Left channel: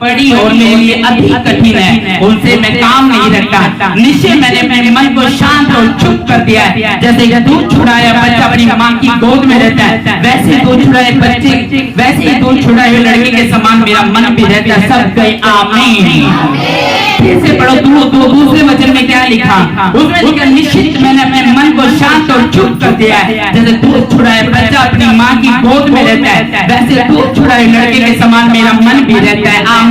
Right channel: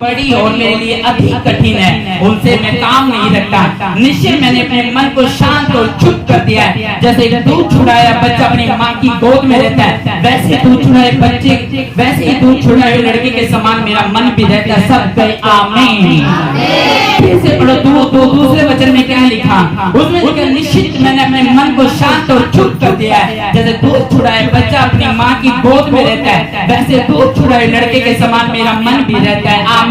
बड़ी और मेरे लिए अधिक कठिन है, उनसे मैं काम नहीं रखता। निश्चय मैंने अपने मन को शांत और चुप कर दिया है। जैसे दूध छुड़ाया बच्चा अपनी माँ की गोद में रहता है, वैसे दूध छुड़ाए बच्चे, वैसे ही दूध छुड़ाए हुए लड़के के समान मेरा मन भी रहता है। सब कहे आमीन। फिर से पढ़ो दूसरे वचन में क्या लिखा? उसमें लिखा निश्चित मैंने अपने मन को शांत और चुप कर दिया है। जैसे दूध छुड़ाए बच्चा अपनी माँ की गोद में रहता है, वैसे दूध छुड़ाए लड़के के समान मेरा मन भी रहता है। आमीन।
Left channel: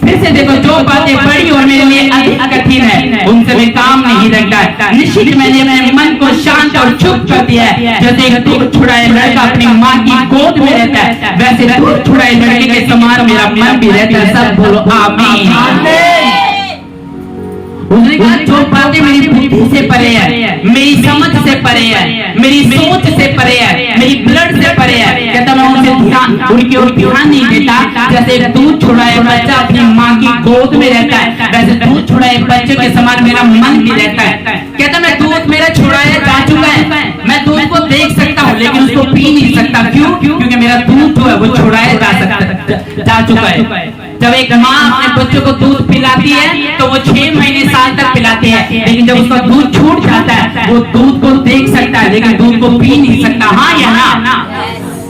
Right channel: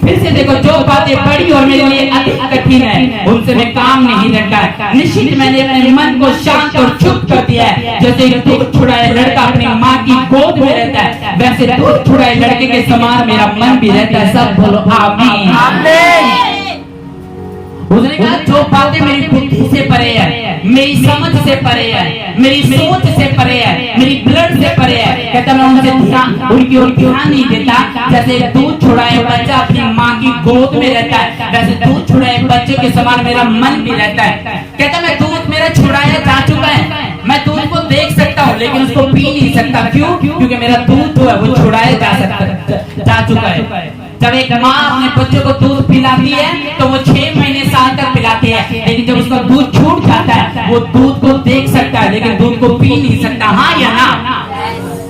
फिर से देखो, जो बातें बड़ी और मेरे लिए अधिक कठिन है, उनसे मैं काम नहीं रखता। निश्चित मैंने अपने मन को शांत और चुप कर दिया है। जैसे दूध छुड़ाए लड़का अपनी माँ की गोद में रहता है, वैसे दूध छुड़ाए लड़के के समान मेरा मन भी रहता है। सब बोलो आमीन। उसने कहा जो बातें मेरी बुद्धि से परे है, मेरी समझ से परे है, मेरी सोच से परे है, मेरी ब्लड से परे है, कहता मैं उनसे उनकी ओर ध्यान नहीं देता। जैसे दूध छुड़ाए बच्चा अपनी माँ की गोद में रहता है, वैसे दूध छुड़ाए बच्चे के समान मेरा मन भी रहता है। कहता मैं दूध मेरा छुड़ाया जा चुका है, मैं दूध को देख सकता हूँ लेकिन उसको पी नहीं सकता। क्यों? क्योंकि मेरा दूध जो है वो छुड़ाया जा चुका है। जब एक माँ अपने बच्चों को दूध पिलाती है तो वो 6 महीने साल तक पिलाती है, लेकिन जब उसका दूध छूट जाता है वो दूध को देख सकता है लेकिन दूध को पी नहीं सकता। हाँ या ना?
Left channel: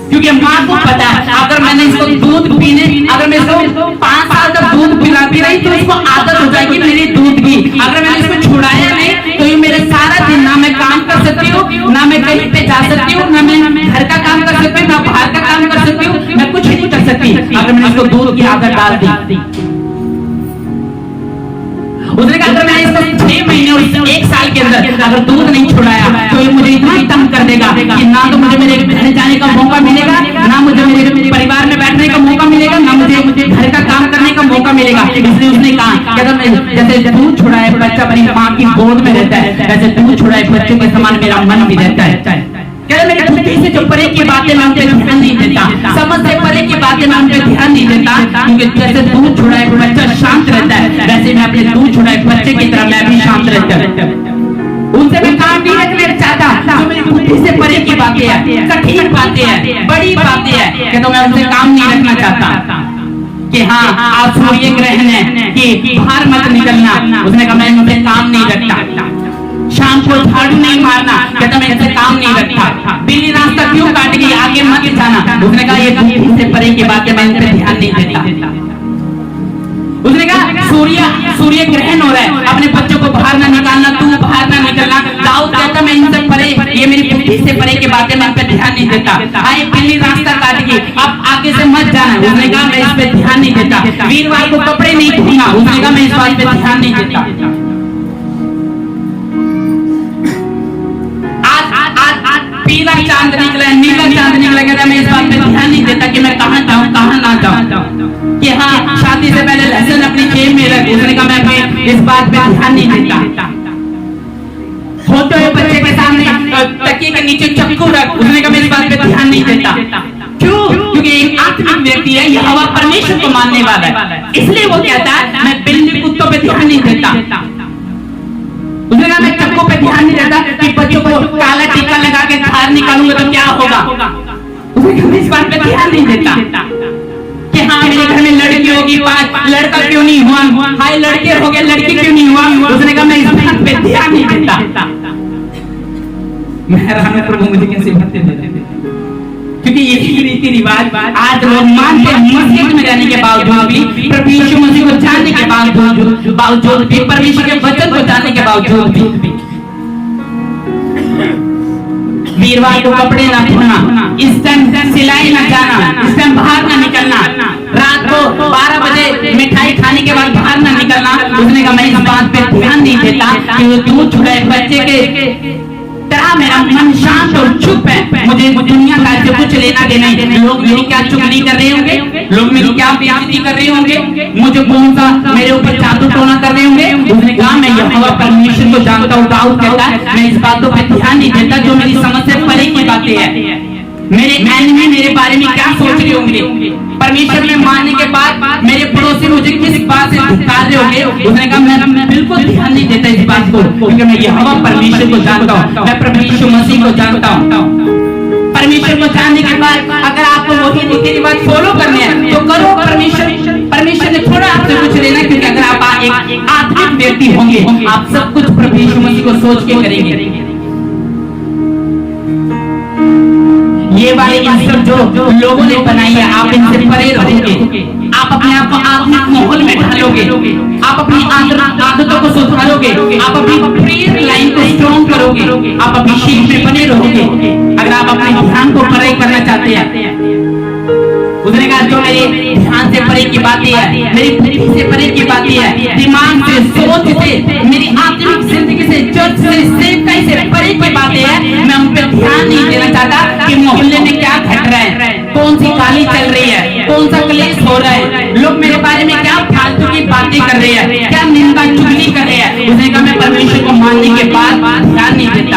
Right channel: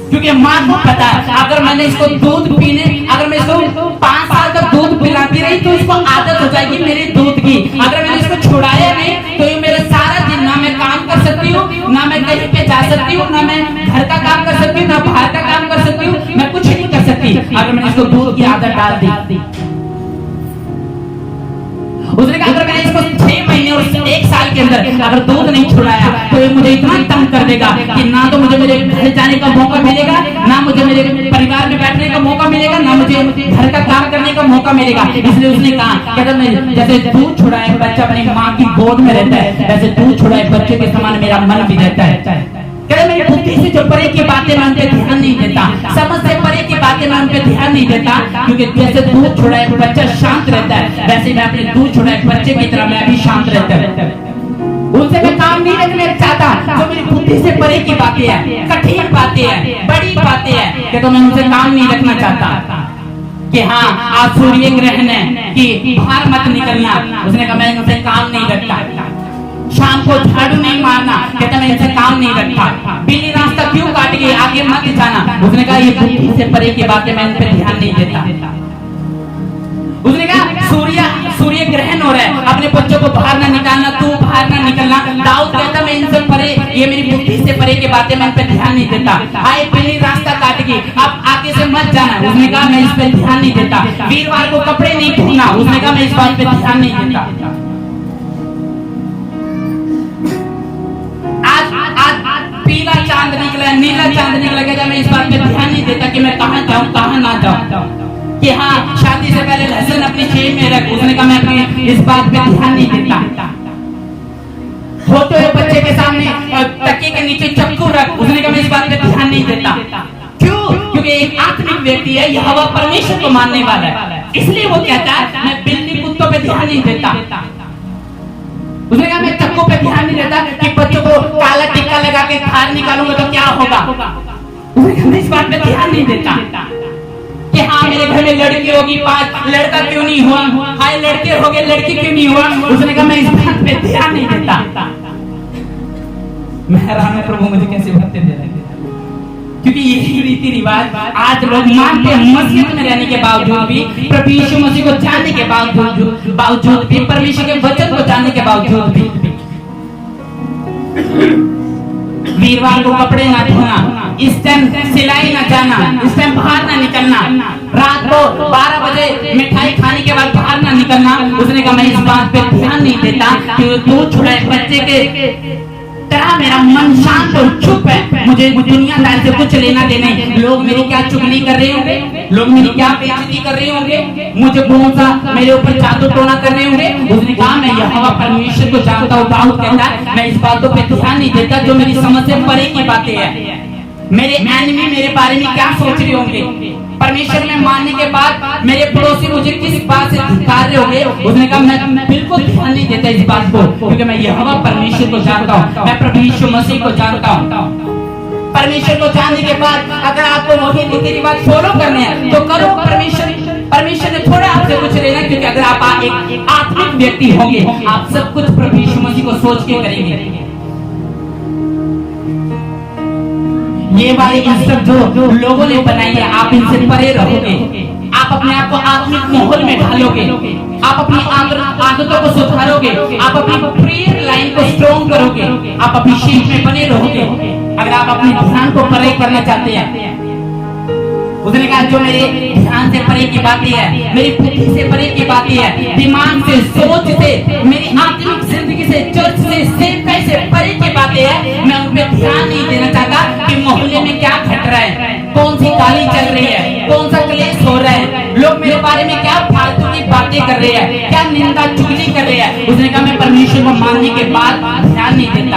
क्योंकि माँ को पता है अगर मैंने इसको दूध पीने, अगर मैं इसको 5 साल तक दूध पिलाती रही तो इसको आदत हो जाएगी मेरी दूध की। अगर मैंने इसको छुड़ाया नहीं तो ये मेरे सारा दिन ना मैं काम कर सकती हूँ, ना मैं कहीं पे जा सकती हूँ, ना मैं घर का काम कर सकती हूँ, ना बाहर का काम कर सकती हूँ, मैं कुछ नहीं कर सकती अगर मैंने इसको दूध की आदत डाल दी। उसने कहा अगर मैंने इसको 6 महीने और 1 साल के अंदर अगर दूध नहीं छुड़ाया तो ये मुझे इतना ही तंग कर देगा कि ना तो मुझे मेरे घर जाने का मौका मिलेगा, ना मुझे मेरे परिवार में बैठने का मौका मिलेगा, ना मुझे घर का काम करने का मौका मिलेगा। इसलिए उसने कहा कहता मैं जैसे दूध छुड़ाए बच्चा अपनी माँ की गोद में रहता है, वैसे दूध छुड़ाए बच्चों के समान मेरा मन भी रहता है। कहता मेरी बुद्धि से जो परे की बातें मैं उन पे ध्यान नहीं देता, समझ से परे की बातें मैं उन पे ध्यान नहीं देता, क्योंकि जैसे दूध छुड़ाए बच्चा शांत रहता है, वैसे मैं अपने दूध छुड़ाए बच्चे की तरह मैं भी शांत रहता हूँ। उनसे मैं काम नहीं रखना चाहता। जो मेरी बुद्धि से परे की बातें हैं, कठिन बातें हैं, बड़ी बातें हैं, कि तो मैं उनसे काम नहीं रखना चाहता। कि हाँ आज सूर्य ग्रहण है कि बाहर मत निकलना, उसने कहा मैं उनसे काम नहीं रखता। शाम को झाड़ू नहीं मारना, कहता मैं इनसे काम नहीं रखता। बिल्ली रास्ता क्यों काट गई, आगे मत जाना, उसने कहा ये बुद्धि से परे की बातें मैं इन पे ध्यान नहीं देता। उसने कहा सूर्य ग्रहण हो रहा है, अपने बच्चों को बाहर ना निकालना, तू बाहर ना निकलना। दाऊद कहता मैं इनसे परे, ये मेरी बुद्धि से परे की बातें मैं इन पे ध्यान नहीं देता। आए बिल्ली रास्ता काट गई, अब आगे से मत जाना, उसने कहा मैं इस पे ध्यान नहीं देता। वीरवार को कपड़े नहीं धोना, उसने कहा मैं इस बात पे ध्यान नहीं देता। पीला चांद निकला है, नीला चांद निकला, कहता मैं इस बात पे ध्यान नहीं देता कि मैं कहाँ जाऊँ कहाँ ना जाऊँ। कि हाँ शादी से पहले लहसुन अपनी जेब में रख, उसने कहा मैं इस बात पे ध्यान नहीं देता। फोटो है बच्चे के सामने तकिए के नीचे चक्कू रख, उसने कहा मैं इस बात पे ध्यान नहीं देता। क्यों? क्योंकि एक आत्मिक व्यक्ति है, यहोवा परमेश्वर को मानने वाला है, इसलिए वो कहता है मैं बिल्ली कुत्तों पे ध्यान नहीं देता। उसने कहा मैं चक्कू पे ध्यान नहीं देता कि बच्चों को काला टीका लगा के बाहर निकालूंगा तो क्या होगा। उसने कहा मैं इस बात पे ध्यान नहीं देता। कि हाँ मेरे घर में लड़की होगी 5, लड़का क्यों नहीं हुआ, हाय लड़के हो गए लड़की क्यों नहीं हुआ। उसने कहा मैं इस बात पे ध्यान नहीं देता। मैं राम प्रभु मुझे कैसे भत्ते दे रहे, क्योंकि यही रीति रिवाज आज लोग मानते हैं। मस्जिद में रहने के बावजूद भी, प्रभु यीशु मसीह को जानने के बावजूद भी, परमेश्वर के वचन को जानने के बावजूद भी, वीरवार को कपड़े ना धोना, इस टाइम सिलाई ना जाना, इस टाइम बाहर ना निकलना, रात को 12 बजे मिठाई खाने के बाद बाहर ना निकलना। उसने कहा मैं इस बात पे ध्यान नहीं देता कि दूध छुड़ाए बच्चे के तरह मेरा मन शांत और चुप है। मुझे दुनिया का से कुछ लेना देना नहीं। लोग मेरी क्या चुगली कर रहे होंगे, लोग मेरी क्या बेइज्जती कर रहे होंगे, मुझे कौन सा मेरे ऊपर जादू टोना कर रहे होंगे। उसने कहा मैं यहोवा परमेश्वर को जानता हूँ। दाऊद कहता है मैं इस बातों पे ध्यान नहीं देता जो मेरी समझ से परे की बातें हैं। मेरे एनिमी मेरे बारे में क्या सोच रहे होंगे, परमेश्वर में मानने के बाद मेरे पड़ोसी मुझे किस बात से धिक्कार रहे होंगे। उसने कहा मैं बिल्कुल ध्यान नहीं देता इस बात को, क्योंकि मैं यहोवा परमेश्वर को जानता हूँ, मैं प्रभु यीशु मसीह को जानता हूँ। परमेश्वर को जानने के बाद अगर आपको वही रीति रिवाज फॉलो करने हैं तो करो, परमेश्वर आत्मिक व्यक्ति होंगे, आप सब कुछ प्रभु यीशु मसीह को सोच के करेंगे। ये वाली इंस्ट्रक्शन जो लोगों ने बनाई है, आप इनसे परे रहोगे, आप अपने आप को आत्मिक माहौल में ढालोगे, आप अपनी आदतों को सुधारोगे, आप अपनी प्रेयर लाइन को स्ट्रॉन्ग करोगे, आप अपनी शीख में बने रहोगे। अगर आप अपने ध्यान को परे करना चाहते हैं, उसने कहा जो मेरे ध्यान से परे की बातें है, मेरी बुद्धि से परे की बातें है, दिमाग से, सोच से, मेरी आत्मिक जिंदगी से, चर्च से, सेवकाई से परे की बातें है, मैं उन पे ध्यान नहीं देना चाहता कि मोहल्ले में क्या घट रहा है, कौन सी गाली चल रही है, कौन सा क्लेश हो रहा है, लोग मेरे बारे में क्या फालतू की बातें कर रहे हैं, क्या निंदा चुगली कर रहे हैं। उसने कहा मैं परमेश्वर को मानने के बाद ध्यान नहीं देता।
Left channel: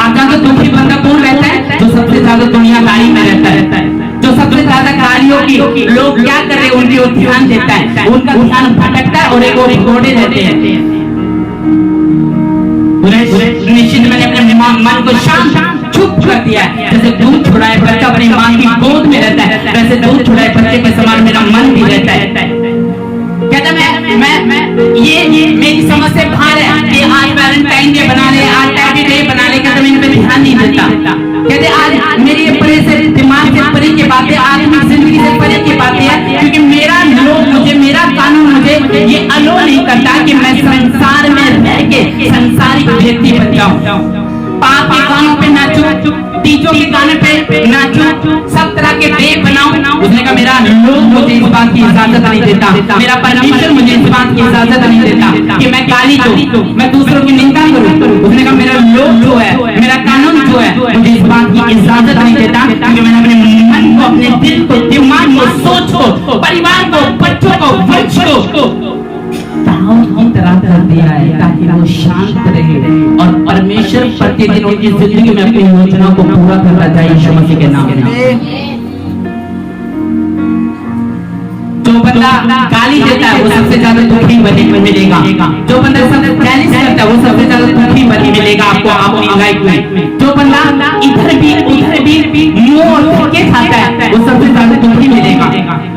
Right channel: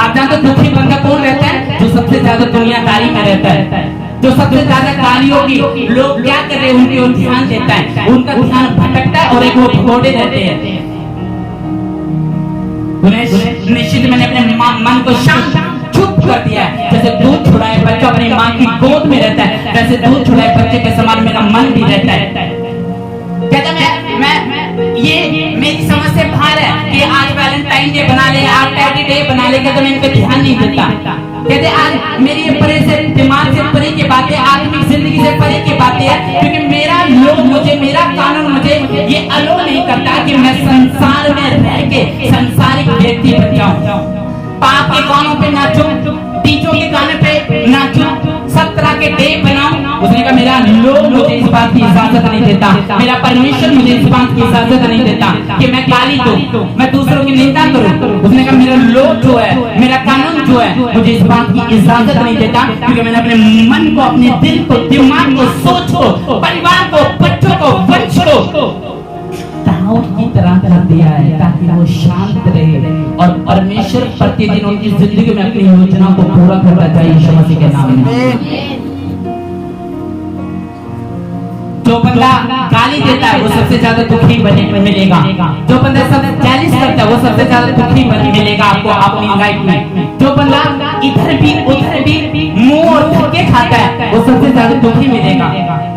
आप जानते हो दुखी बंदा कौन रहता है? जो सबसे ज्यादा दुनियादारी में रहता है, जो सबसे ज्यादा गालियों की लोग क्या कर रहे हैं उनकी ओर ध्यान देता है, उनका ध्यान भटकता है और एक और भगोड़े रहते हैं। निश्चित मैंने अपने मन को शांत चुप कर दिया है। जैसे दूध छुड़ाए बच्चा अपनी माँ की गोद में रहता है, वैसे दूध छुड़ाए बच्चे के समान मेरा मन भी रहता है। कहता मैं ये मेरी समझ से बाहर है कि आज वैलेंटाइन डे बना ले, आज टैबी डे बना ले, कहते मैं इन पे ध्यान नहीं देता। कहते आज मेरी परे से, दिमाग से परे की बातें, आत्मिक जिंदगी से परे की बातें है, क्योंकि मेरा लोग मुझे, मेरा कानून मुझे ये अलो नहीं करता कि मैं संसार में रह के संसारिक व्यक्ति बन जाऊं। पाप के गानों पे नाचूं, डीजों के गाने पे नाचूं, सब तरह के डे बनाऊं। उसने कहा मेरा लोग मुझे इस बात की इजाजत नहीं देता, मेरा परमेश्वर मुझे इस बात की इजाजत नहीं देता कि मैं गाली दूं, मैं दूसरों की निंदा करूं। उसने कहा मेरा लोग जो है, मेरा कानून जो है, मुझे इस बात की इजाजत नहीं देता, क्योंकि मैंने अपने मन को, अपने दिल को, दिमाग को, सोच को, परिवार को, बच्चों को, वंश को की तरह कर दिया है ताकि वो शांत रहे और परमेश्वर प्रतिदिन उनकी जिंदगी में अपनी योजना को पूरा करता जाए यीशु मसीह के नाम में। जो बंदा गाली देता है वो सबसे ज्यादा दुखी मिलेगा, जो बंदा सबसे चैलेंज करता है वो सबसे ज्यादा दुखी मिलेगा आपको अपनी लाइफ में। जो बंदा इधर भी उधर भी मुंह और धक्के खाता है वो सबसे ज्यादा दुखी मिलेगा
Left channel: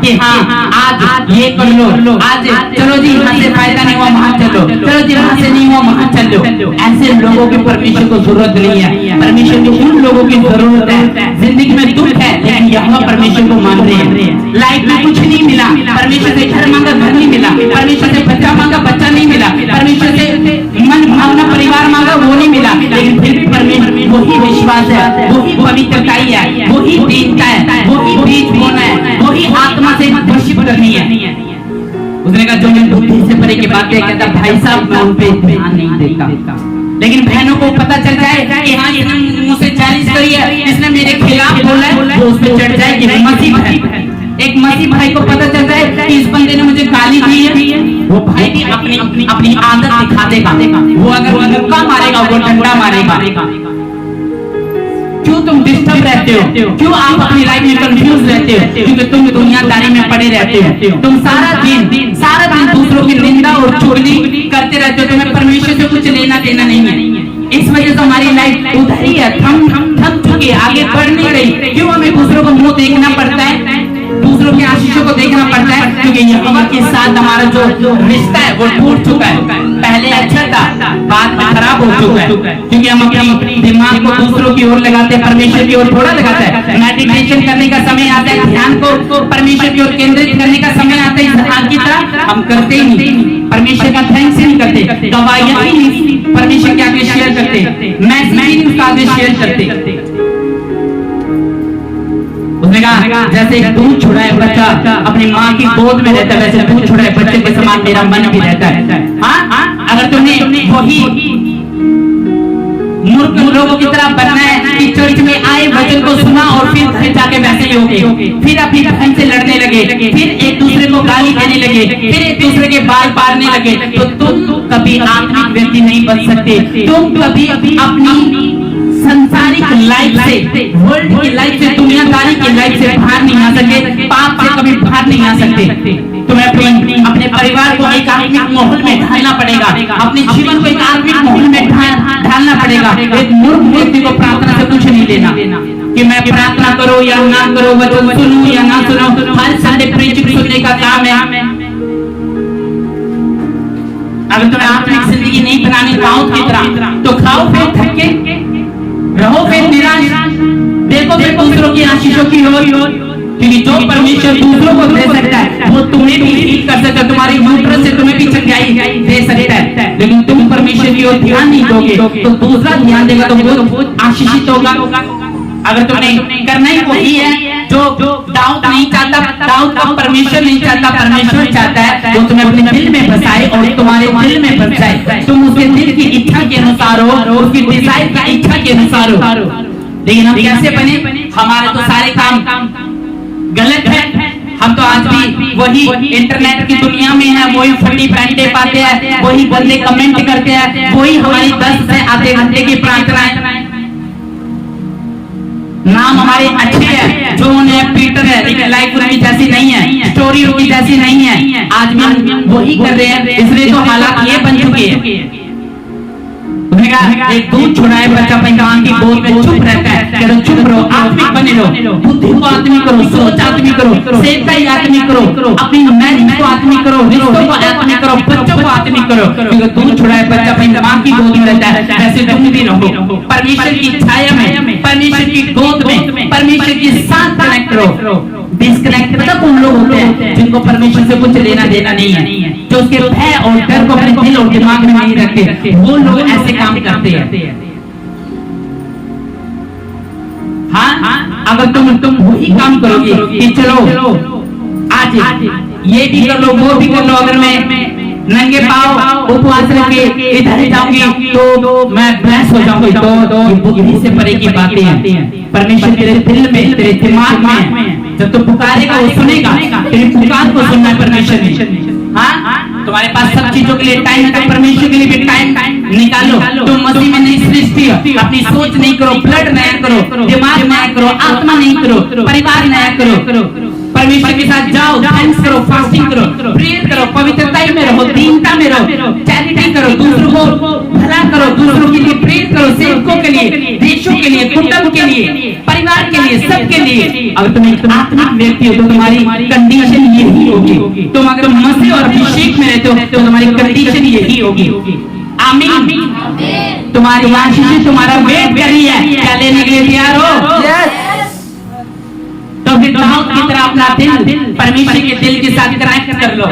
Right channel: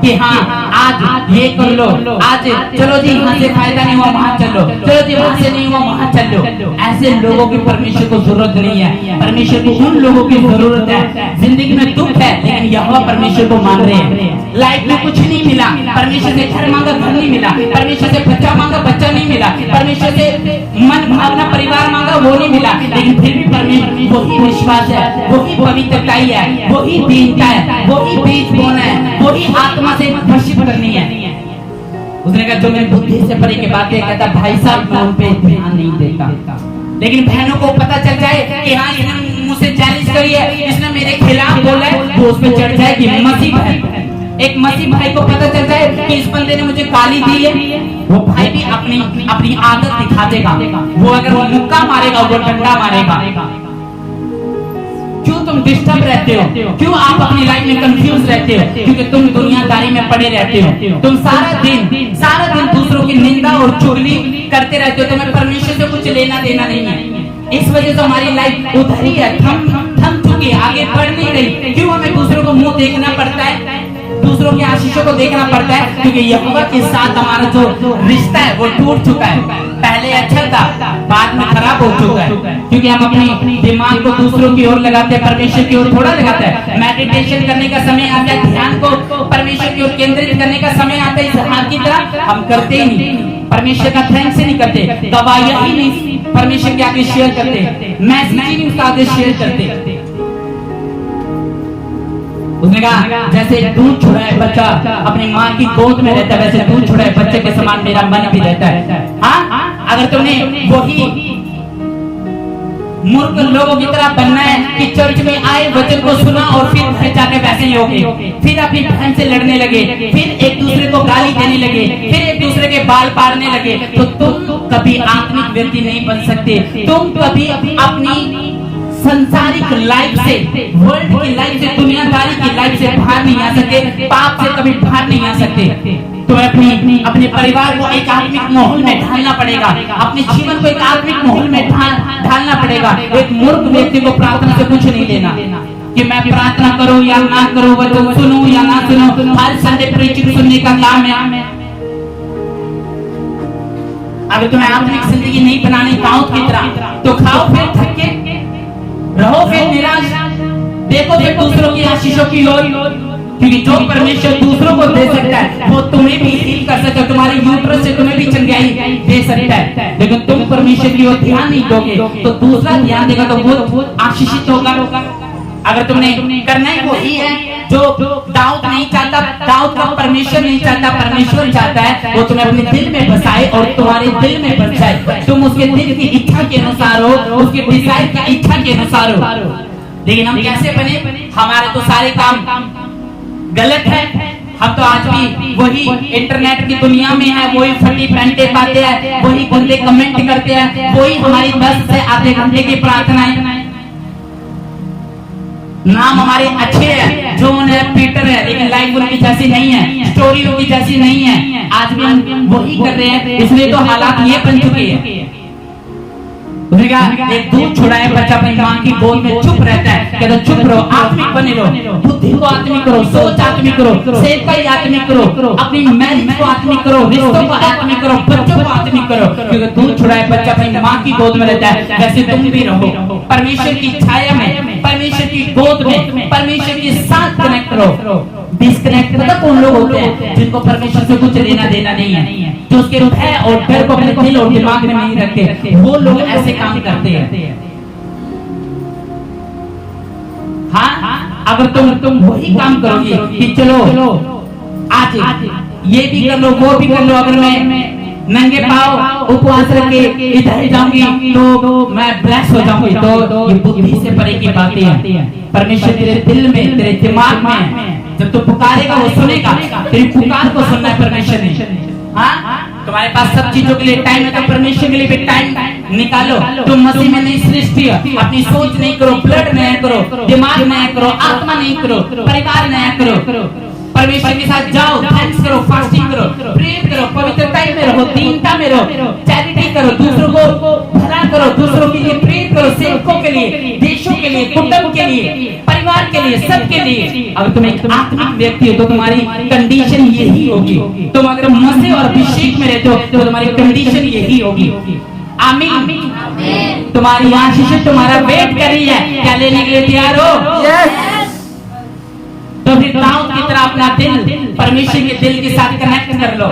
कि हाँ आज ये कर लो, आज चलो जी यहाँ से फायदा नहीं हुआ वहाँ चलो, चलो जी वहाँ से नहीं हुआ वहाँ चलो। ऐसे लोगों की परमेश्वर को जरूरत नहीं है। परमेश्वर को उन लोगों की जरूरत है जिंदगी में दुख है लेकिन यहोवा परमेश्वर को मान रहे हैं। लाइफ में कुछ नहीं मिला, परमेश्वर से घर मांगा घर नहीं मिला, परमेश्वर से बच्चा मांगा बच्चा नहीं मिला, परमेश्वर से मन भावना परिवार मांगा वो नहीं मिला, लेकिन फिर भी परमेश्वर वही विश्वास है, वही पवित्रताई है, वही दीनता है, वही बीज बोना है, वही आत्मा से वर्शिप करनी है। उसने कहा जो मैं बुद्धि से परे की बातें कहता भाई साहब मैं उन पे ध्यान नहीं देता, लेकिन बहनों को पता चल जाए कि हाँ इसने मुझसे चैलेंज करी है, इसने मेरे खिलाफ बोला है, वो उस पे चढ़ जाए कि मसीह भाई, एक मसीह भाई को पता चल जाए कि इस बंदे ने मुझे गाली दी है, वो भाई भी अपनी आदत दिखा देगा। वो अगर वो मुक्का मारेगा वो डंडा मारेगा। क्यों तुम डिस्टर्ब रहते हो? क्यों आप अपनी लाइफ में कंफ्यूज रहते हो? क्योंकि तुम दुनियादारी में पड़े रहते हो। तुम सारा दिन दूसरों की निंदा और चुगली करते रहते हो। तुम्हें परमेश्वर से कुछ लेना देना नहीं है। इस वजह से हमारी लाइफ उधर ही है, थम चुकी है, आगे बढ़ नहीं रही। क्यों हमें दूसरों को मुंह देखना पड़ता है, दूसरों की आशीषों को देखना पड़ता है? क्योंकि यहोवा के साथ हमारा जो रिश्ता है वो टूट चुका है। पहले अच्छा था, बाद में खराब हो चुका है, क्योंकि हम अपनी दिमाग को दूसरों की ओर लगाते हैं, परमेश्वर की ओर थोड़ा लगाते हैं। मेडिटेशन करने का समय आता है, ध्यान को परमेश्वर की ओर केंद्रित करने का समय आता है, इस हाथ की तरह हम करते ही नहीं। परमेश्वर का थैंक्स ही नहीं करते, दवाइयां ही नहीं परमेश्वर के आगे शेयर करते, मैसेज ही नहीं उसका आगे शेयर करते। उसने कहा जैसे दूध छुड़ाए बच्चा अपनी माँ की गोद में रहता है, वैसे दूध छुड़ाए बच्चे के समान मेरा मन भी रहता है। हाँ, अगर तुमने वही मूर्ख लोगों की तरह बनना है कि चर्च में आए वचन को सुना और फिर जाके वैसे ही होगे, फिर अपनी बहन से लड़ने लगे, फिर एक दूसरे को गाली देने लगे, फिर एक दूसरे के बाल पाड़ने लगे, तो तुम कभी आत्मिक व्यक्ति नहीं बन सकते। तुम कभी अपनी संसारिक लाइफ से, वर्ल्ड की लाइफ से, दुनियादारी की लाइफ से बाहर नहीं आ सकते, पाप से कभी बाहर नहीं आ सकते। तुम्हें अपने परिवार को एक आत्मिक माहौल में ढालना पड़ेगा, अपने जीवन को एक आत्मिक माहौल में ढालना पड़ेगा। एक मूर्ख व्यक्ति को प्रार्थना से कुछ नहीं लेना कि मैं प्रार्थना करूं या ना करूं, वचन सुनूं या ना सुनूं, हर संडे प्रीचिंग सुनने का काम है। अगर तुम्हें आत्मिक जिंदगी नहीं बनानी दाऊद की तरह, तो खाओ फिर थके, रहो फिर निराश, देखो फिर दूसरों की आशीषों की ओर, क्योंकि जो परमेश्वर दूसरों को दे सकता है वो तुम्हें भी हील कर सकता है, तुम्हारी यूट्रस से तुम्हें भी चंगाई दे सकता है। लेकिन तुम परमेश्वर की ओर ध्यान नहीं दोगे तो दूसरा ध्यान देगा तो वो आशीषित होगा। अगर तुमने करना ही वही है जो दाऊद नहीं चाहता, दाऊद को परमेश्वर नहीं चाहता, परमेश्वर चाहता है वो तुम्हें अपने दिल में बसाए और तुम्हारे दिल में बस जाए, तुम उसके दिल की इच्छा के अनुसार हो, उसकी डिजायर की इच्छा के अनुसार हो। लेकिन हम कैसे बने? हमारे तो सारे काम गलत है। हम तो आज भी वही इंटरनेट की दुनिया में है, वही फटी पैंटे पाते हैं, वही बंदे कमेंट करते हैं, वही हमारी 10 से आधे घंटे की प्रार्थनाएं। नाम हमारे अच्छे हैं, जॉन है, पीटर है, लेकिन लाइफ उनकी जैसी नहीं है, स्टोरी उनकी जैसी नहीं है। आज भी हम वही कर रहे हैं, इसलिए तो हालात ये बन चुके हैं। एक दूध छुड़ाए बच्चा अपनी मां की गोद में चुप रहता है, कहते चुप रहो, आत्मिक बने रहो, बुद्धि को आत्मिक करो, सोच आत्मिक करो, सेवका ही आत्मिक करो, अपनी मैरिज को आत्मिक करो, रिश्तों को आत्मिक करो, बच्चों को आत्मिक करो, क्योंकि दूध छुड़ाए बच्चा अपनी मां की गोद में रहता है, वैसे तुम भी रहो परमेश्वर की छाया में, परमेश्वर की गोद में, परमेश्वर के साथ कनेक्ट रहो। डिस्कनेक्ट पता कौन लोग होते हैं? जिनको परमेश्वर से कुछ लेना देना नहीं है, जो उसके भय और डर को अपने दिल और दिमाग में नहीं रखते, वो लोग ऐसे काम करते हैं। हाँ, अगर तुम वही काम करोगे कि चलो आज ये भी कर लो, वो भी कर लो, अगर मैं नंगे पाँव उपवास रख के इधर जाऊंगी तो मैं ब्लेस हो जाऊंगी, तो ये बुद्धि से परे की बातें हैं। परमेश्वर तेरे दिल में, तेरे दिमाग में, जब तू पुकारेगा वो सुनेगा, तेरी पुकार को सुनना है परमेश्वर ने। हाँ, तुम्हारे पास सब चीजों के लिए टाइम है तो परमेश्वर के लिए भी टाइम निकालो। तुम मसीह में नई सृष्टि हो, अपनी सोच नहीं करो, ब्लड नया करो, दिमाग नया करो, आत्मा नहीं करो, परिवार नया करो, परमेश्वर के साथ जाओ, थैंक्स करो, फास्टिंग करो, प्रेयर करो, पवित्रता में रहो, दीनता में रहो, चैरिटी करो, दूसरों को भला करो, दूसरों के लिए प्रेयर करो, सेवकों के लिए, देशों के लिए, कुटुंब के लिए, परिवार के लिए, सबके लिए। अगर तुम एक आत्मिक व्यक्ति हो तो तुम्हारी कंडीशन यही होगी। तुम अगर मसीह और अभिषेक में रहते हो तो तुम्हारी कंडीशन यही होगी। आमीन। तुम्हारी आशीष तुम्हारा वेट कर रही है, क्या लेने के लिए तैयार हो? यस। तो फिर दाऊद की तरह अपना दिल परमेश्वर के दिल के साथ कनेक्ट कर लो।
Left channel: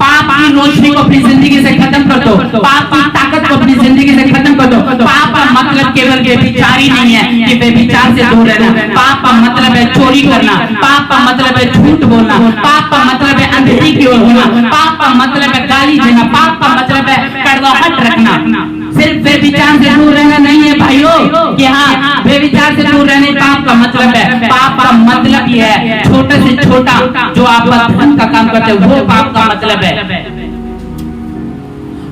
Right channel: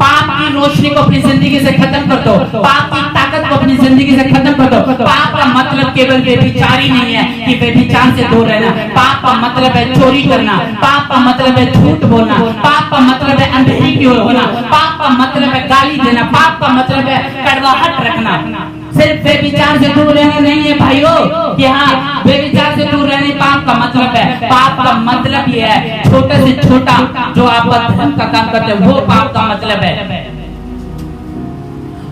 पाप की रोशनी को अपनी जिंदगी से खत्म कर दो, पाप की ताकत को अपनी जिंदगी से खत्म कर दो। पाप का मतलब केवल व्यभिचार ही नहीं है कि व्यभिचार से दूर रहना, पाप का मतलब है चोरी करना, पाप का मतलब है झूठ बोलना, पाप का मतलब है अंधेरी की ओर होना, पाप का मतलब है गाली देना, पाप का मतलब है कड़वाहट रखना। सिर्फ व्यभिचार से दूर रहना नहीं है भाइयों, कि हाँ व्यभिचार से दूर रहने पाप का मतलब है। पाप का मतलब यह है छोटे से छोटा जो आप धर्म का काम करते हैं वो पाप का मतलब है।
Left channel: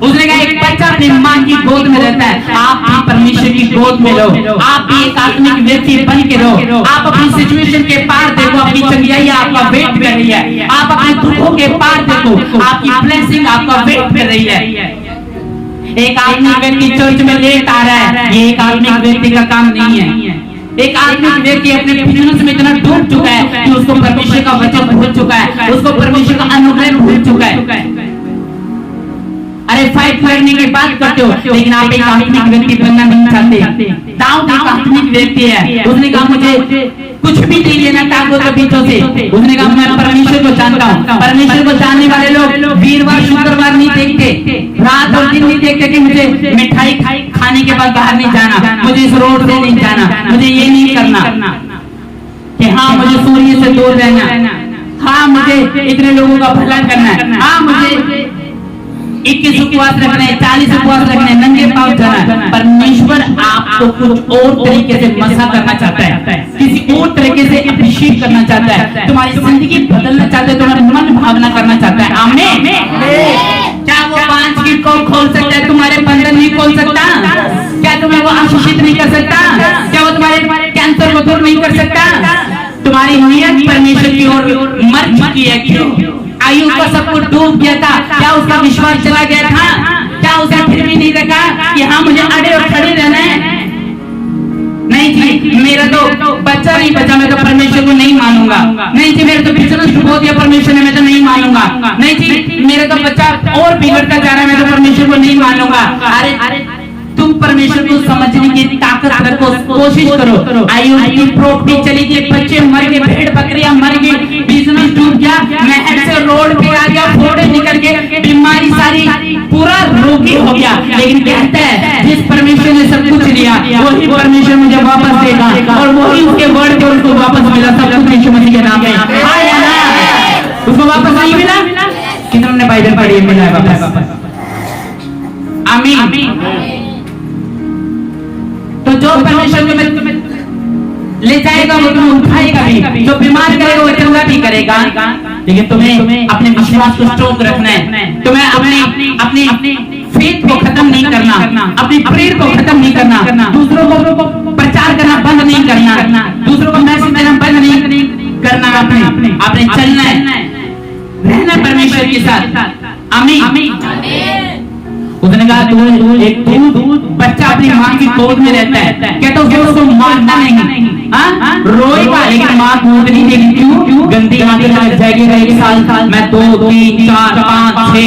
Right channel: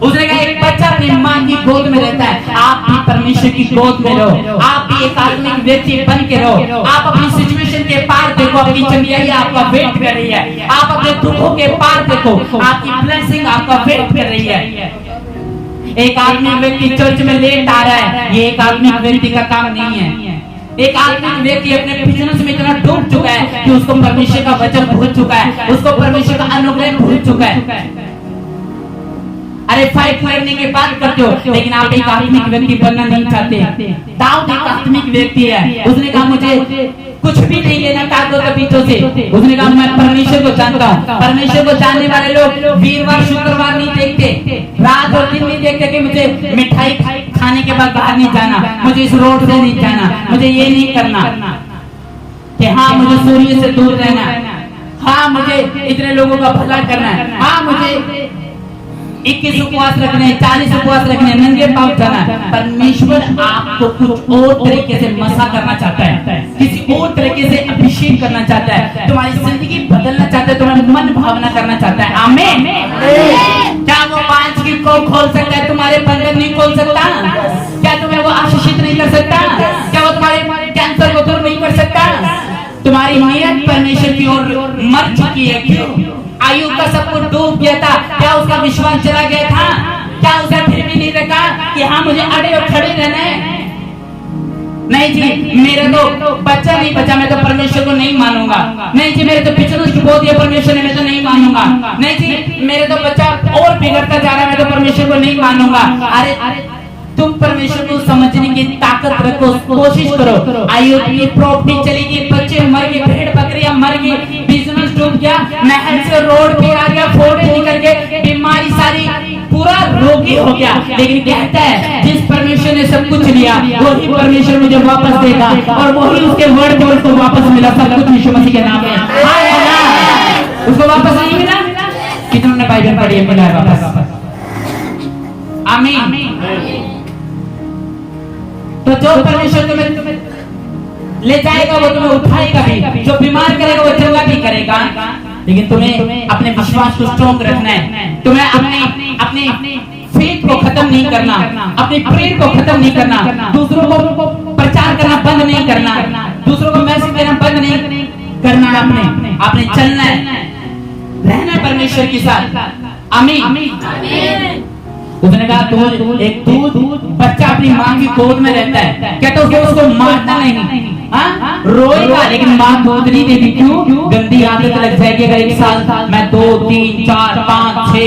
उसने कहा एक बच्चा अपनी मां की गोद में रहता है, आप भी परमेश्वर की गोद में रहो, आप भी एक आत्मिक व्यक्ति बन के रहो। आप अपनी सिचुएशन के पार देखो, अपनी चंगाई आपका वेट कर रही है, आप अपने दुखों के पार देखो, आपकी ब्लेसिंग आपका वेट कर रही है। एक आत्मिक व्यक्ति चर्च में लेट आ रहा है, ये एक आत्मिक व्यक्ति का काम नहीं है। एक आत्मिक व्यक्ति अपने बिजनेस में इतना डूब चुका है कि उसको परमेश्वर का वचन भूल चुका है, उसको परमेश्वर का अनुग्रह भूल चुका है। अरे फाइट करने की बात करते हो, लेकिन आप एक आत्मिक व्यक्ति बनना नहीं चाहते। दाऊद एक आत्मिक व्यक्ति है, उसने कहा मुझे कुछ भी नहीं लेना ताकत के बीचों से। उसने कहा मैं परमेश्वर को जानता हूँ। परमेश्वर को जानने वाले लोग वीरवार शुक्रवार नहीं देखते, रात और दिन नहीं देखते कि मुझे मिठाई खाने के बाद बाहर नहीं जाना, मुझे इस रोड से नहीं जाना, मुझे ये नहीं करना, कि हाँ मुझे सूर्य से दूर रहना, हाँ मुझे इतने लोगों का भला करना है, हाँ मुझे 21 उपवास रखने, 40 उपवास रखने, नंगे पांव जाना। परमेश्वर आपको कुछ और तरीके से मसा करना चाहता है, किसी और तरीके से अभिषेक करना चाहता है, तुम्हारी जिंदगी बदलना चाहता है, तुम्हारा मन भावना करना चाहता है। आमीन। क्या वो 5 की को खोल सकता है, तुम्हारे बंधन नहीं खोल सकता? क्या तुम्हें वो आशीषित नहीं कर सकता? क्या वो तुम्हारे कैंसर को दूर नहीं कर सकता? तुम्हारी नियत परमेश्वर की ओर मर चुकी है। क्यों? आयु का सब कुछ डूब गया था, क्या उसका विश्वास चला गया था? क्या उसने फिर भी नहीं देखा कि हाँ मुझे अड़े और खड़े रहना है? नहीं जी, मेरा तो बच्चा नहीं बचा, मैं तो परमेश्वर को नहीं मानूंगा। नहीं जी, मेरे तो बिजनेस डुबो दिया परमेश्वर ने, मैं तो नहीं मानूंगा। नहीं जी मेरे तो बच्चा और बिगड़ता जा रहा है, मैं तो परमेश्वर को नहीं मानूंगा। अरे तुम परमेश्वर को समझने की ताकत रखो, कोशिश करो। आयुष की प्रॉपर्टी चली गई, बच्चे मर गए, भेड़ बकरियां मर गई, बिजनेस डूब गया, महल से रोड पे आ गया, फोड़े निकल गए, बीमारी सारी, पूरा रोगी हो गया। लेकिन कहता है जिस परमेश्वर ने सब कुछ लिया वही परमेश्वर मुझे वापस देगा, और वही उसके वर्ड पे उसको वापस मिला। सब कुछ यीशु मसीह के नाम में उसको वापस नहीं मिला। कितनों ने बाइबल पढ़ी है? मिला वापस। आमीन। तो जो परमेश्वर तुम्हें ले जाएगा वो तुम्हें उठाएगा भी, जो बीमार करेगा वो चंगा भी करेगा। लेकिन तुम्हें अपने विश्वास को स्ट्रॉन्ग रखना है, तुम्हें अपने फेथ को खत्म नहीं करना, अपने प्रेयर को खत्म नहीं करना, दूसरों को प्रचार करना बंद नहीं करना, दूसरों को मैसेज देना बंद नहीं करना। आपने चलना है, रहना परमेश्वर के साथ। आमीन। उसने कहा तू एक दूध बच्चा अपनी माँ की गोद में रहता है, कहते हो उसको मारना नहीं, रोएगा लेकिन माँ दूध नहीं देगी। क्यों? गंदी आदत लग जाएगी। 1 साल मैं 2, 3, 4, 5, 6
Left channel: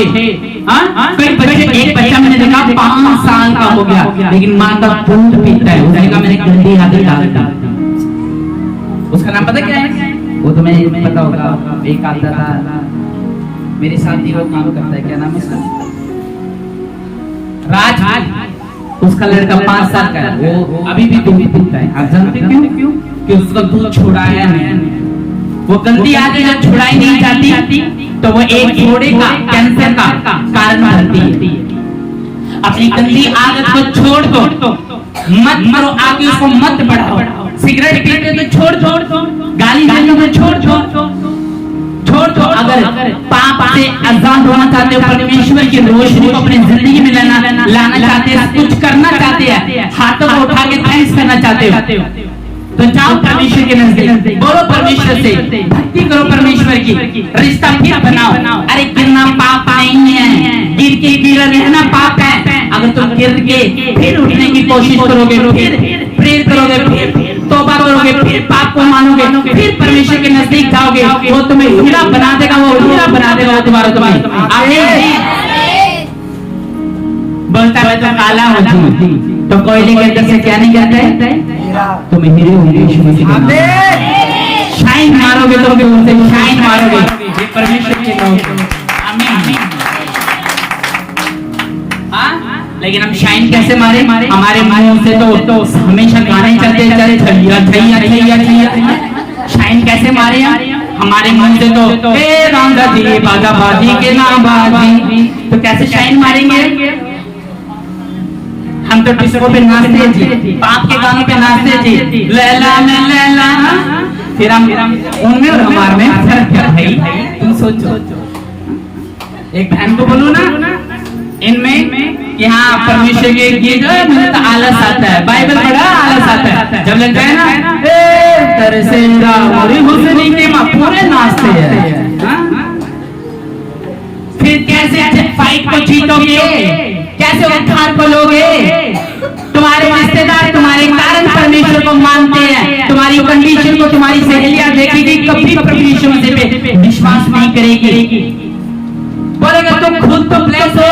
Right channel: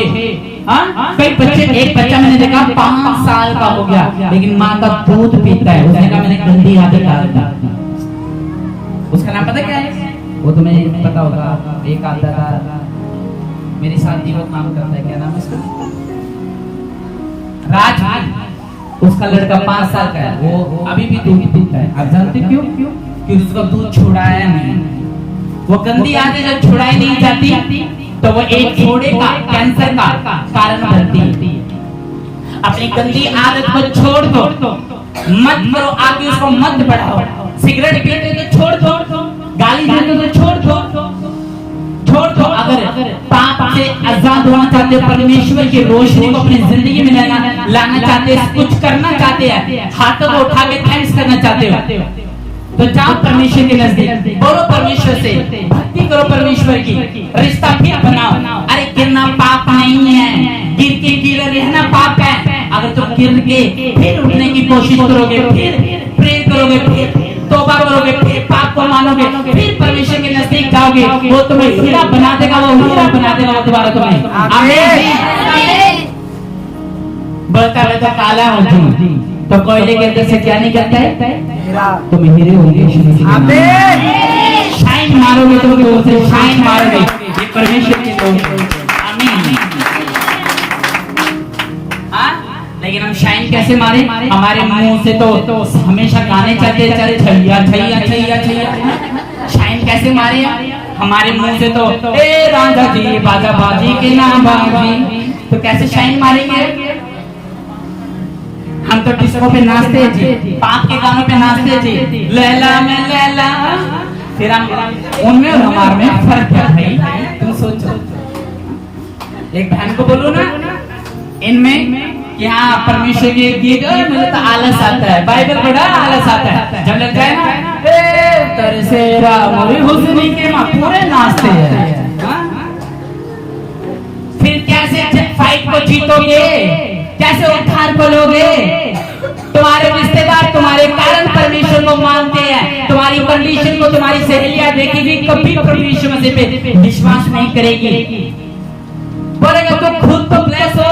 कई बच्चे, एक बच्चा मैंने देखा 5 साल का हो गया लेकिन माँ का दूध पीता है। उसने कहा मैंने गंदी आदत डाल दी। उसका नाम पता क्या है? वो तुम्हें पता होगा। एक आता था मेरी साथी वो काम करता है, क्या नाम है उसका? राज। उसका लड़का 5 साल का है, वो अभी भी दूध पीता है। आप जानते क्यों? कि उसका दूध छुड़ाया नहीं। वो गंदी आदत जब छुड़ाई नहीं जाती तो वो एक घोड़े का कैंसर का कारण बनती है। अपनी गंदी आदत को छोड़ दो, मत करो, आगे उसको मत बढ़ाओ। सिगरेट पीते तो छोड़ दो, गाली देते तो छोड़ दो। अगर पाप से आजाद होना चाहते हो, परमेश्वर की रोशनी को अपनी जिंदगी में लाना चाहते हो, कुछ करना चाहते हैं, हाथों को उठा के थैंक्स करना चाहते हो, तो जाओ परमेश्वर के नजदीक, बोलो परमेश्वर से, भक्ति करो परमेश्वर की, रिश्ता फिर बनाओ। अरे गिरना पाप नहीं है, गिर के गिर रहना पाप है। अगर तुम गिर के फिर उठने की कोशिश करोगे, फिर प्रेयर करोगे, फिर तौबा करोगे, फिर पाप को मानोगे, फिर परमेश्वर के नजदीक जाओगे, वो तुम्हें हीरा बना देगा, वो हीरा बना देगा दोबारा तुम्हें। बोलता है तो काला हूँ तो कोयले के अंदर से क्या नहीं कहता है? तुम हीरे हो, शाइन मारोगे तो उनसे शाइन मारोगे, ये परमेश्वर के लोग। आमीन। लेकिन हम शाइन कैसे मारे? हमारे मुंह से तो हमेशा गाने चलते चले, छैया छैया छैया छैया। शाइन कैसे मारे? हमारे मुंह से तो ए रांझा जी बाजा बाजी के ना बाजी, तो कैसे शाइन मारेंगे? हम तो डिस्को पे नाचते जी, पाप के गानों पे नाचते जी, लैला में लैला। फिर हम उनमें और हमारे में फर्क क्या भाई? तुम सोचो। एक बहन को बोलो ना इनमें कि हाँ परमेश्वर के गीत मुझे तो आलस आता है, बाइबल पढ़ा आलस आता है, जब लग जाए ना तरसेरा मोरी हुस्न की मां, पूरे नाचते हैं। फिर कैसे फाइट को जीतोगे? कैसे उद्धार पालोगे? तुम्हारे रिश्तेदार तुम्हारे कारण परमेश्वर को मानते हैं, तुम्हारी कंडीशन को तुम्हारी सहेलियां देखेगी, कभी परमेश्वर पे विश्वास नहीं करेगी। बोलेगा तुम खुद तो ब्लेस हो,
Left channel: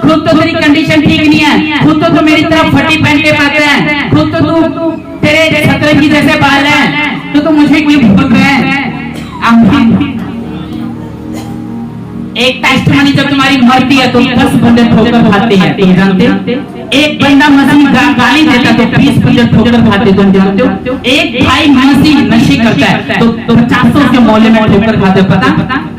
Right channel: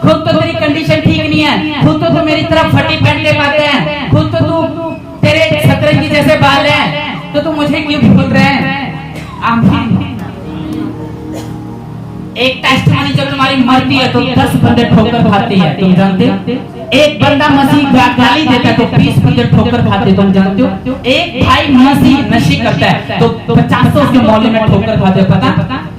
खुद तो तेरी कंडीशन ठीक नहीं है, खुद तो मेरी तरफ फटी पहन के पड़ते हैं, खुद तो तू तेरे शतरंजी जैसे बाल हैं, तो तू मुझे क्यों भूल रहे हैं? एक टेस्टमनी जब तुम्हारी मरती है तो 10 बंदे ठोकर खाते हैं, तुम जानते? एक बंदा मसीह गाली देता है तो 20 बंदे ठोकर खाते, तुम जानते हो? एक भाई मसीह नशे करता है तो 50 के मोहल्ले में ठोकर खाते, पता?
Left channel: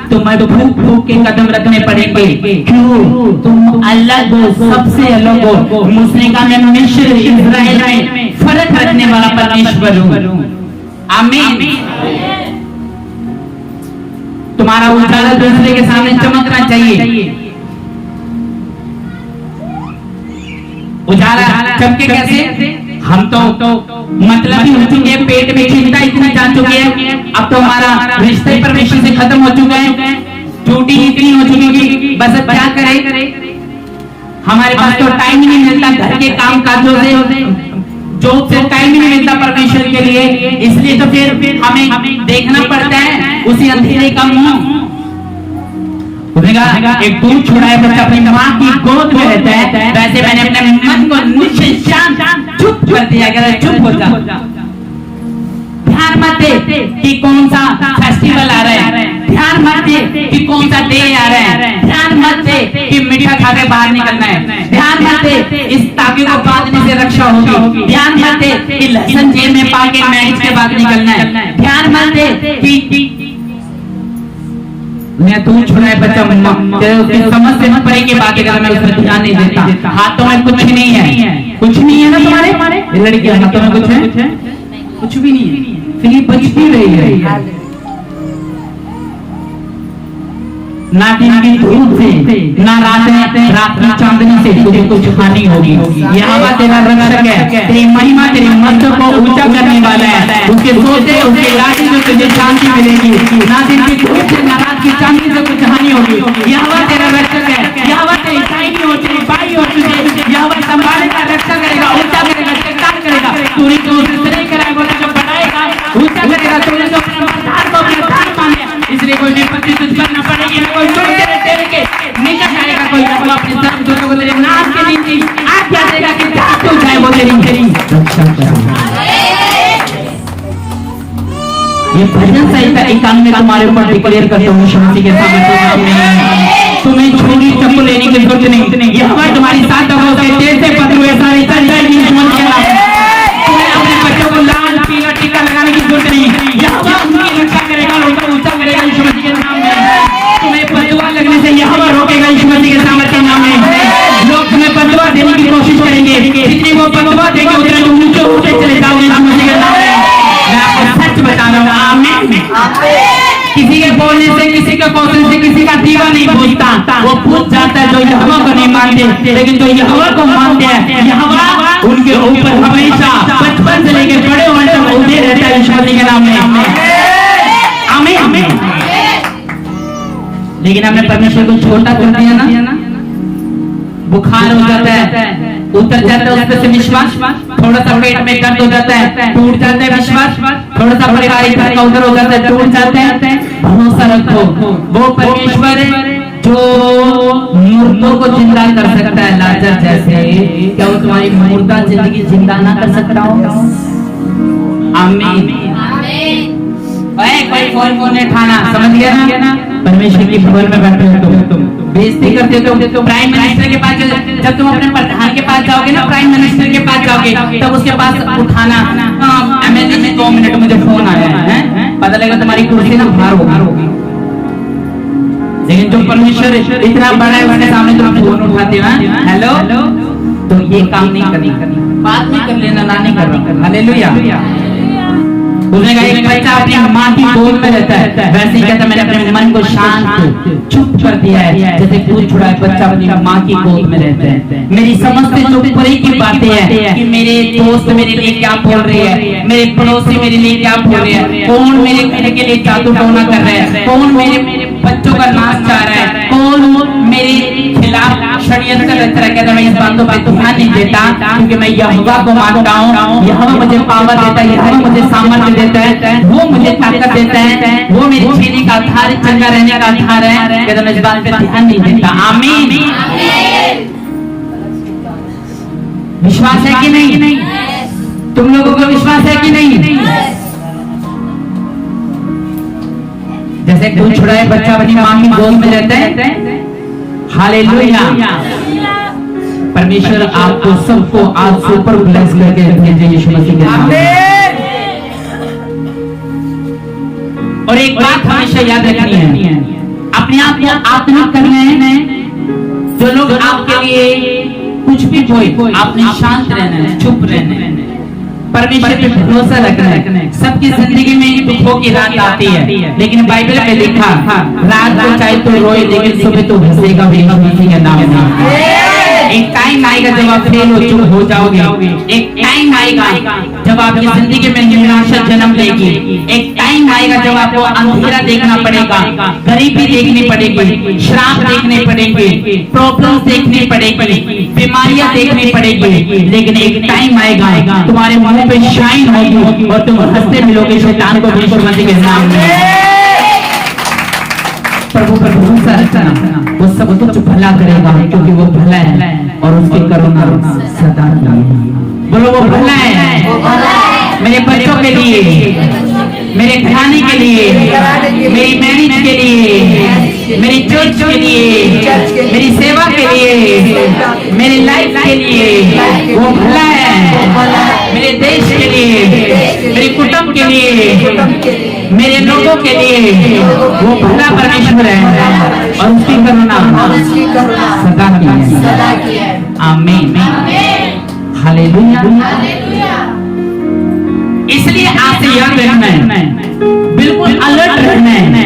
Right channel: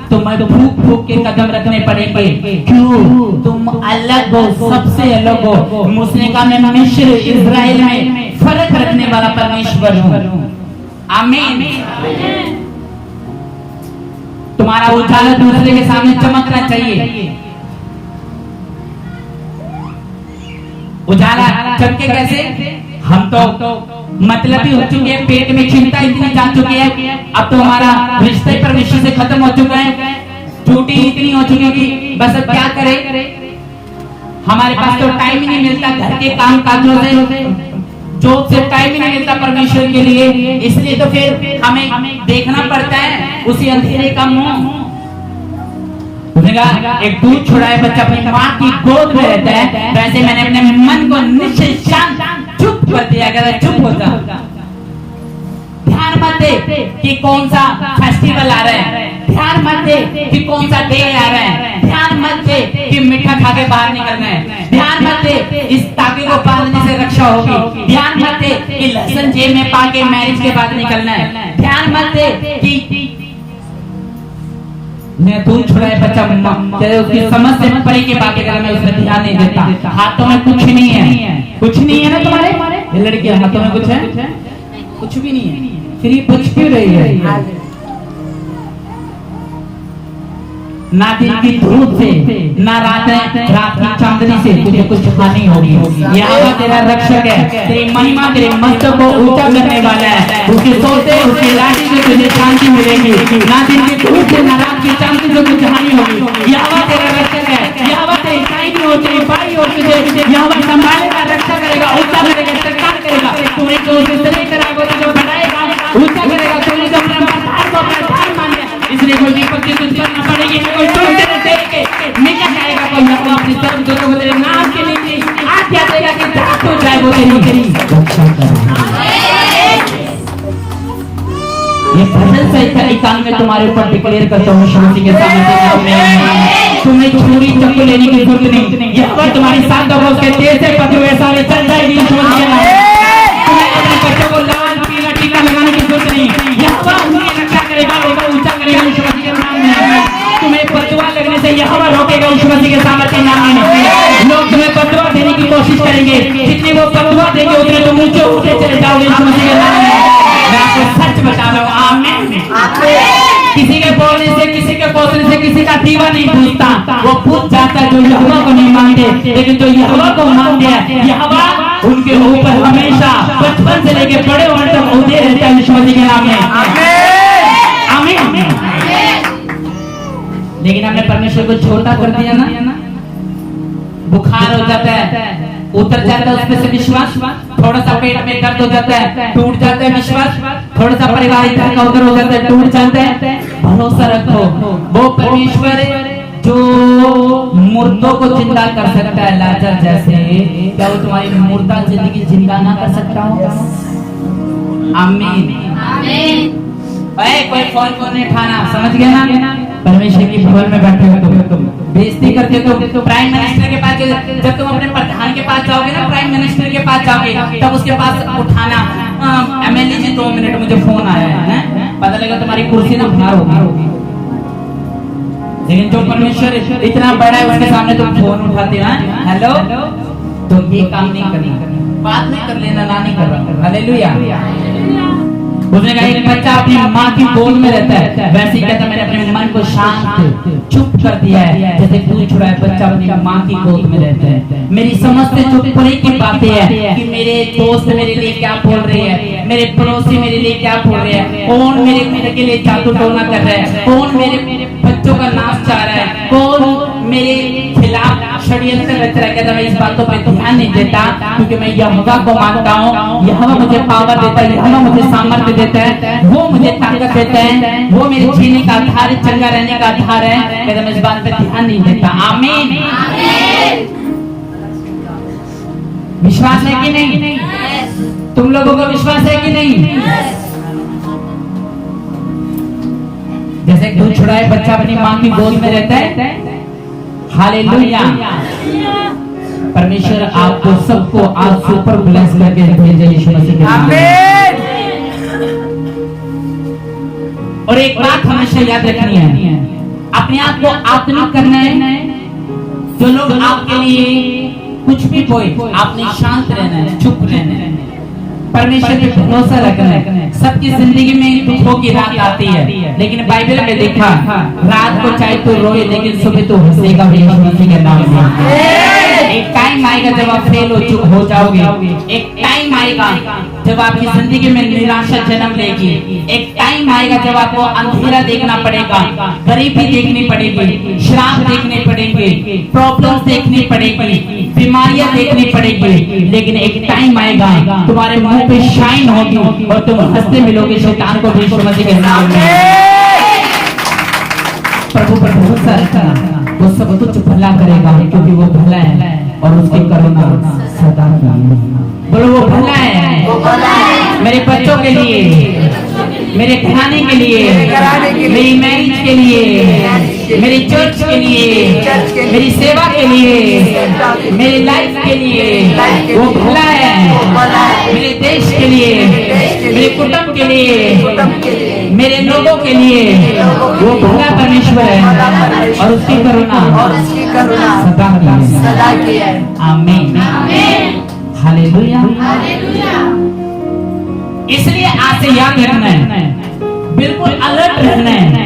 तुम्हें फूक फूक के कदम रखने पड़ेंगे। क्यों? तुम अलग हो, सबसे अलग हो। मुस्लिम में मिस्र इजराइल में फर्क रखने वाला परमेश्वर हूँ। आमीन। तुम्हारा उजाला दूसरे के सामने चमकना चाहिए। उजाला चमके कैसे? हम तो मतलब ही हो चुके हैं, पेट में चिंता इतनी जान चुकी है, अब तो हमारा रिश्ते परमेश्वर से खत्म हो चुका है, टूटी इतनी हो चुकी कि बस अब क्या करें? हमारे पास तो टाइम ही नहीं मिलता, घर के काम काजों से, जॉब से टाइम ही नहीं मिलता परमेश्वर के लिए, इसलिए तो फिर हमें देखना पड़ता है उसी अंधेरे का मुंह। उसने कहा एक दूध छोड़ा है बच्चा अपनी माँ की गोद में रहता है, वैसे मैंने अपने मन को निशान चुप कर दिया गया, चुप हो जा, ध्यान मत दे कि कौन सा फेस्टिवल आ रहा है, ध्यान मत दे कि कौन सा डे आ रहा है, ध्यान मत दे कि मीठा खा के बाहर निकलना है, ध्यान मत दे इस ताके को बांधने से रक्षा होगी, ध्यान मत दे कि लहसुन जेब में पाके मैरिज के बाद निकलना है, ध्यान मत दे कि मैं दूध छोड़ा है बच्चा उसकी समझ से परे की बातें कर, मैं उस पर ध्यान नहीं देता। हाथों में कुछ नहीं है, कुछ नहीं है ना तुम्हारे लड़के हाथों में कुछ है, कुछ भी नहीं है, फिर ये बच क्यों रही है? ना दिन की धूप से, ना रात की चांदनी से तुझे कुछ हानि होगी। यहाँ तेरा रक्षक है, तेरी महिमा तेरे मस्तक को ऊंचा करने वाला है, उसके सोते उसके लाठी से तुझे शांति मिलेगी। ना दिन की धूप से, ना रात की चांदनी से कुछ हानि होगी। यहाँ तेरा रक्षक है, यहाँ तेरी दाहिनी हो, तेरी बाई हो, तुझे यहाँ संभालेगा, रक्षा करेगा, ऊंचा करेगा, चट्टान करेगा। तूने जो उससे कराए वो तुझे बढ़ाएगा, ऊंचा करेगा। तूने जो अपने आधार को अपने आधार माने, इसलिए कोई विपत्ति तुझ पर न पड़ेगी, कोई तेरे के निकट आएगा, कोई न अपने सर्व दूतों को तेरे नाम के नीचे आज्ञा देगा कि जात हो जाए, वो तेरी रक्षा करेगा। ये भजन संहिता 91 में तुम्हारे ऊपर डिक्लेयर करते हुए शांति के साथ तुम्हें छुरी चक्कू लेने की जरूरत नहीं। ये अगर तुम्हारी साथ होगा उसके तेज से पत्थर में सारे चल जाएगी। तुम्हें अपने बच्चों को लाल पीला टीका लगाने की जरूरत नहीं। यहोवा उनकी रक्षा करेगा, ऊंचा करेगा यीशु मसीह के नाम में। तुम्हें बददुआ लगने से यहोवा रोकेगा यीशु मसीह के सामर्थ्य के नाम में। लोग तुम्हें बददुआ देने की कोशिश करेंगे, जितने वो बददुआ देंगे उतने तुम ऊंचे उठते चले जाओगे यीशु मसीह के नाम में। मैं आपको सच बता रहा हूँ, आमीन। किसी के बोलने से, किसी के कौशल से किसी का दीवा नहीं पूछता, वो पूछ जाता है जो यहोवा को नहीं मानते। लेकिन जो यहोवा को मानते हैं, यहोवा उनके ऊपर हमेशा बचपन से लेके बड़े होने तक उड़े रहता है यीशु मसीह के नाम में। आमीन आमीन। लेकिन हमने परमेश्वर को छोटा कर दिया ना, बुखार हो जाता है, उतर जाता है उसमें से विश्वास, थोड़ा सा पेट में दर्द हो जाता है, टूट जाता है विश्वास, थोड़ा सा परिवार इधर का उधर हो जाता है, टूट जाता है। भरोसा रखो, वो परमेश्वर जो मुर्दों को जिंदा कर सकता है लाजर जैसे, क्या वो तुम्हारी मुर्दा जिंदगी जिंदा ना कर सकता हो? आमीन। कोई फोन को नहीं उठाना, समझ गया ना? परमेश्वर की भवन में बैठे हो तुम बेइज्जती करते हो। प्राइम मिनिस्टर के पास जब तुम अपने प्रधान के पास जाओगे ना, प्राइम मिनिस्टर के पास जाओगे, तब उसके पास उठाना, एमएलए में 2 मिनट मुझे फोन आया है, पता लगा तुम्हारी कुर्सी ना बाहर होगी। लेकिन जो परमेश्वर इतना बड़ा है उसके सामने तुम फोन उठाते हो, हेलो, तो ये काम नहीं करनी, बात में कर लेना, ना नहीं करना। हालेलुया। उसने कहा एक बच्चा अपनी माँ की गोद में रहता है, वैसे ही कहता मैंने अपने मन को शांत चुप कर दिया है, जैसे दूध छुड़ा है बच्चा अपनी माँ की गोद में रहता है। मेरी समझ से जो परे की बातें हैं कि मेरे दोस्त मेरे लिए क्या बोल रहे हैं, मेरे पड़ोसी मेरे लिए क्या बोल रहे हैं, कौन मेरे के लिए जादू टोना कर रहा है, कौन मेरे बच्चों का नाश चाह रहा है, कौन मेरे खिलाफ षड्यंत्र रच रहा है, मैं इस बातों पे ध्यान नहीं देता, क्योंकि मैं यहोवा को मानता हूँ। यहोवा मुझे पावर देता है, यहोवा मुझे सामर्थ्य देता है, वो मुझे ताकत देता है, वो मेरे जीने का आधार, चंगा रहने का आधार है, कहता मैं इस बात पे ध्यान नहीं देता। आमीन। विश्वास है कि नहीं? तुम लोगों को विश्वास है कि नहीं? जैसे दूध छुड़ाए बच्चा अपनी माँ की गोद में रहता है। हालेलुया। परमेश्वर आपको सबको आज सुपर ब्लेस करके भेजे यीशु मसीह के नाम में। और एक बात हमेशा याद रखनी है, अपने आप को आत्मिक करना है। जो लोग आपके लिए कुछ भी कोई, आपने शांत रहना है, चुप रहना है, परमेश्वर पे भरोसा रखना है। सबकी जिंदगी में दुखों की रात आती है, लेकिन बाइबल में लिखा रात को चाहे तो रोए, लेकिन सुबह तो हंसेगा यीशु मसीह के नाम में। एक टाइम आएगा जब आप फेल हो चुप हो जाओगे। एक टाइम आएगा जब आपकी जिंदगी में निराशा जन्म लेगी। एक टाइम आएगा जब आपको अंधेरा देखना पड़ेगा, गरीबी देखनी पड़ेगी, श्राप देखने पड़ेंगे, प्रॉब्लम्स देखनी पड़ेगी, बीमारियां देखनी पड़ेगी। लेकिन एक टाइम आएगा तुम्हारे मुंह पे शाइन होगी और तुम हंसते मिलोगे शैतान को यीशु मसीह के नाम में। प्रभु पर भरोसा रखना। वो सब कुछ भला करेगा, क्योंकि वो भला है और उसकी करुणा सदा की है। बोलो वो भला है, वो भला है मेरे बच्चों के लिए, मेरे घराने के लिए, मेरी मैरिज के लिए, मेरी चर्च के लिए, मेरी सेवा के लिए, मेरी लाइफ के लिए वो भला है। मेरे देश के लिए, मेरे कुटुंब के लिए, मेरे लोगों के लिए वो भला परमेश्वर है और उसकी करुणा सदा की है। आमीन, हालेलुया। इसलिए आज से याद रखना है, बिल्कुल अलर्ट रहना है।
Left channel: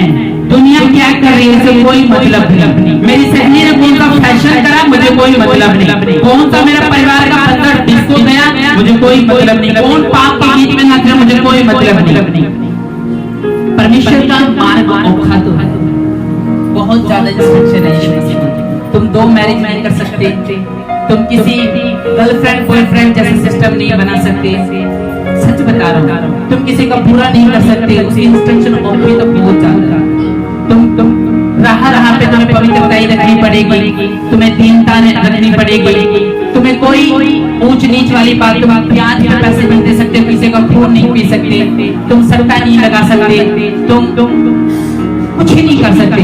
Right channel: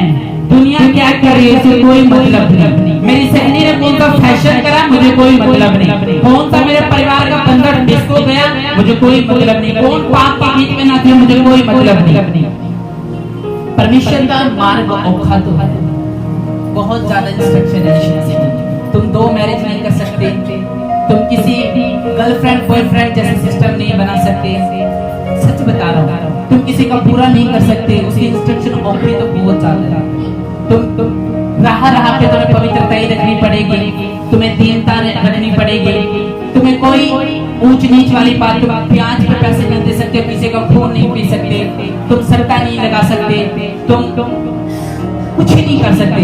दुनिया क्या कर रही है उसे कोई मतलब नहीं। मेरी सहेली ने कौन सा फैशन करा मुझे कोई मतलब नहीं। कौन सा मेरे परिवार का बंदर डिस्को गया मुझे कोई मतलब नहीं। कौन पाप के बीच में नाचा मुझे कोई मतलब नहीं। परमेश्वर का मार्ग औखा तो है, बहुत ज्यादा रिस्ट्रिक्शन है। तुम 2 मैरिज नहीं कर सकते, तुम किसी गर्लफ्रेंड बॉयफ्रेंड जैसे सिस्टम नहीं बना सकते। सच बता रहा हूँ, तुम किसी का बुरा नहीं कर सकते, उसकी इंस्ट्रक्शन ऑफी तो बहुत ज्यादा है। तुम रहा पे तुम्हें पवित्रताई रखनी पड़ेगी, तुम्हें दीनता रखनी पड़ेगी, तुम्हें कोई ऊंच नीच वाली बात, तुम प्याज पे पैसे नहीं दे सकते, किसी का खून नहीं पी सकते, तुम सट्टा नहीं लगा सकते, तुम कुछ ही नहीं कर सकते।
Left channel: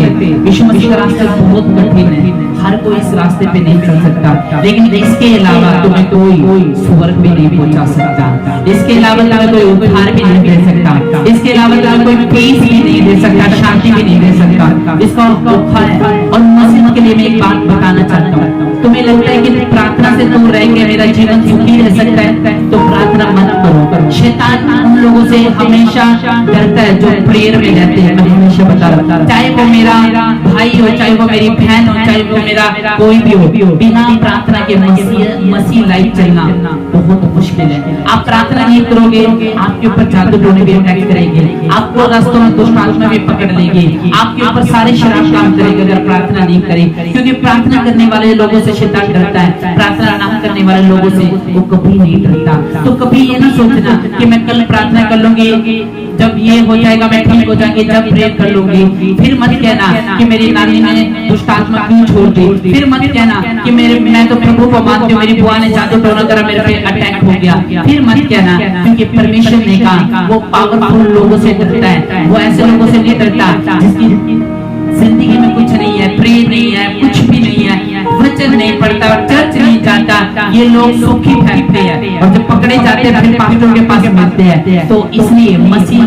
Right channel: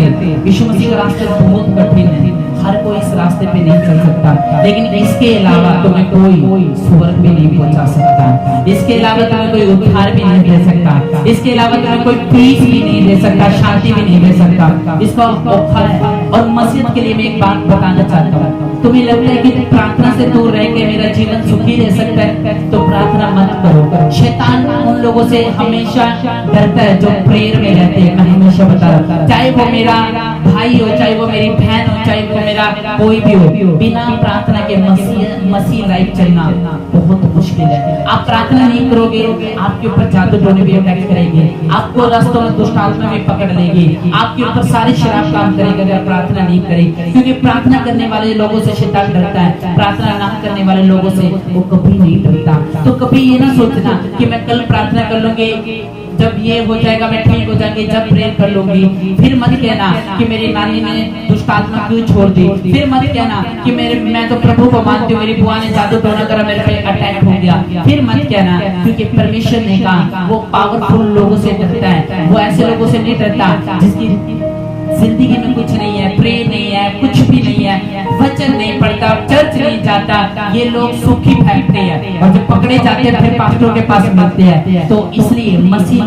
यीशु मसीह का रास्ता बहुत कठिन है, हर कोई इस रास्ते पे नहीं चल सकता। लेकिन इसके अलावा तुम्हें कोई स्वर्ग भी नहीं पहुंचा सकता, इसके अलावा तुम्हें कोई उद्धार भी नहीं दे सकता, इसके अलावा तुम्हें कोई पीस भी नहीं दे सकता, शांति भी नहीं दे सकता। इसका औखा है। और मसीह के लिए मैं एक बात बताना चाहता हूँ, तुम्हें लगता है कि प्रार्थना से दूर रह के मेरा जीवन सुखी रह सकता है, तो प्रार्थना मत करो। शैतान उन लोगों से हमेशा डरता है जो प्रेयर में रहते हैं। मैं हमेशा बता रहा हूं, चाहे वो मेरा भाई हो, चाहे वो मेरी बहन हो, चाहे वो मेरा कोई भी हो, बिना प्रार्थना के मसीह लाइफ चलना बहुत मुश्किल है। आप प्रार्थना नहीं करोगे, आपके ऊपर जादू टोने भी अटैक करेंगे, आपको रास्तों में दुष्ट आत्मा भी पकड़ लेगी, आपके ऊपर सारे शराब काम करेंगे अगर प्रार्थना नहीं करें। क्योंकि प्रार्थना करने वाले लोगों से शैतान डरता है, प्रार्थना ना करने वाले लोगों से वो कभी नहीं डरता। तो कभी ये ना सोचना कि मैं कल प्रार्थना कर लूंगी, जब ये हो जाएगा मैं ठीक हो जाएंगे, जब प्रेयर कर लूंगी। फिर मत कहना कि मेरी नानी ने दुष्ट आत्मा क्यों छोड़ दी। फिर मत कहना कि मैं तो प्रभु को मानती हूँ, मेरी बुआ ने जादू टोना करा, मेरे पे अटैक हो गया। फिर मत कहना, क्योंकि परमेश्वर ने कहा वो पावरफुल लोगों से डरता है, वो ऐसे लोगों से नहीं डरता जिसकी जिंदगी में कुछ नहीं है, प्रेम नहीं है, कुछ भी नहीं है, वचन नहीं पढ़ता, चर्च नहीं जाता। ये लोग सुखी फेंकते हैं और जब पकड़े जाते हैं फिर पास्टर के पास मिलते हैं। तो इसलिए मसीह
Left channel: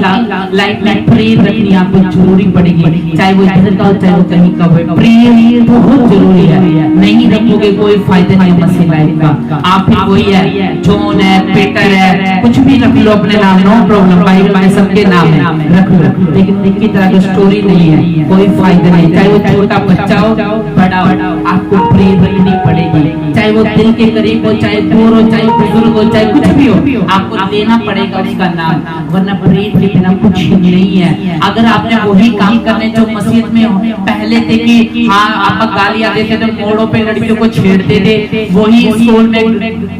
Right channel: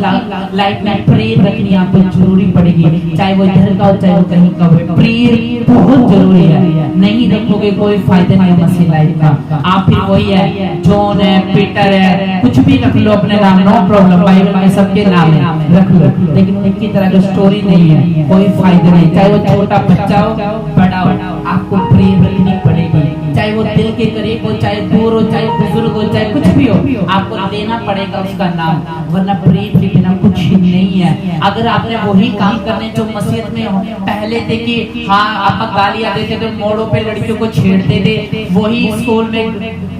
लाइफ में प्रेयर रखनी आपको जरूरी पड़ेगी, चाहे वो इधर का हो चाहे वो कहीं का हो। प्रेयर बहुत जरूरी है, नहीं रखोगे कोई फायदा नहीं मसीह लाइफ का। आप फिर वही है, जॉन है, पीटर है, कुछ भी रख लो अपने नाम, नो प्रॉब्लम, बाइबल में सबके नाम है, रख लो। लेकिन इनकी तरह की स्टोरी नहीं है, कोई फायदा नहीं। चाहे वो छोटा बच्चा हो, बड़ा हो, आपको प्रेयर रखनी पड़ेगी। चाहे वो दिल के करीब हो, चाहे दूर हो, चाहे बुजुर्ग हो, चाहे कुछ भी हो, आपको लेना पड़ेगा उसका नाम, वरना प्रेयर के बिना कुछ नहीं है। अगर आपने वही काम करने जो मस्जिद में पहले थे कि हाँ आप गालियां देते थे, मोड़ों पे लड़कियों को छेड़ते थे, वही स्कूल में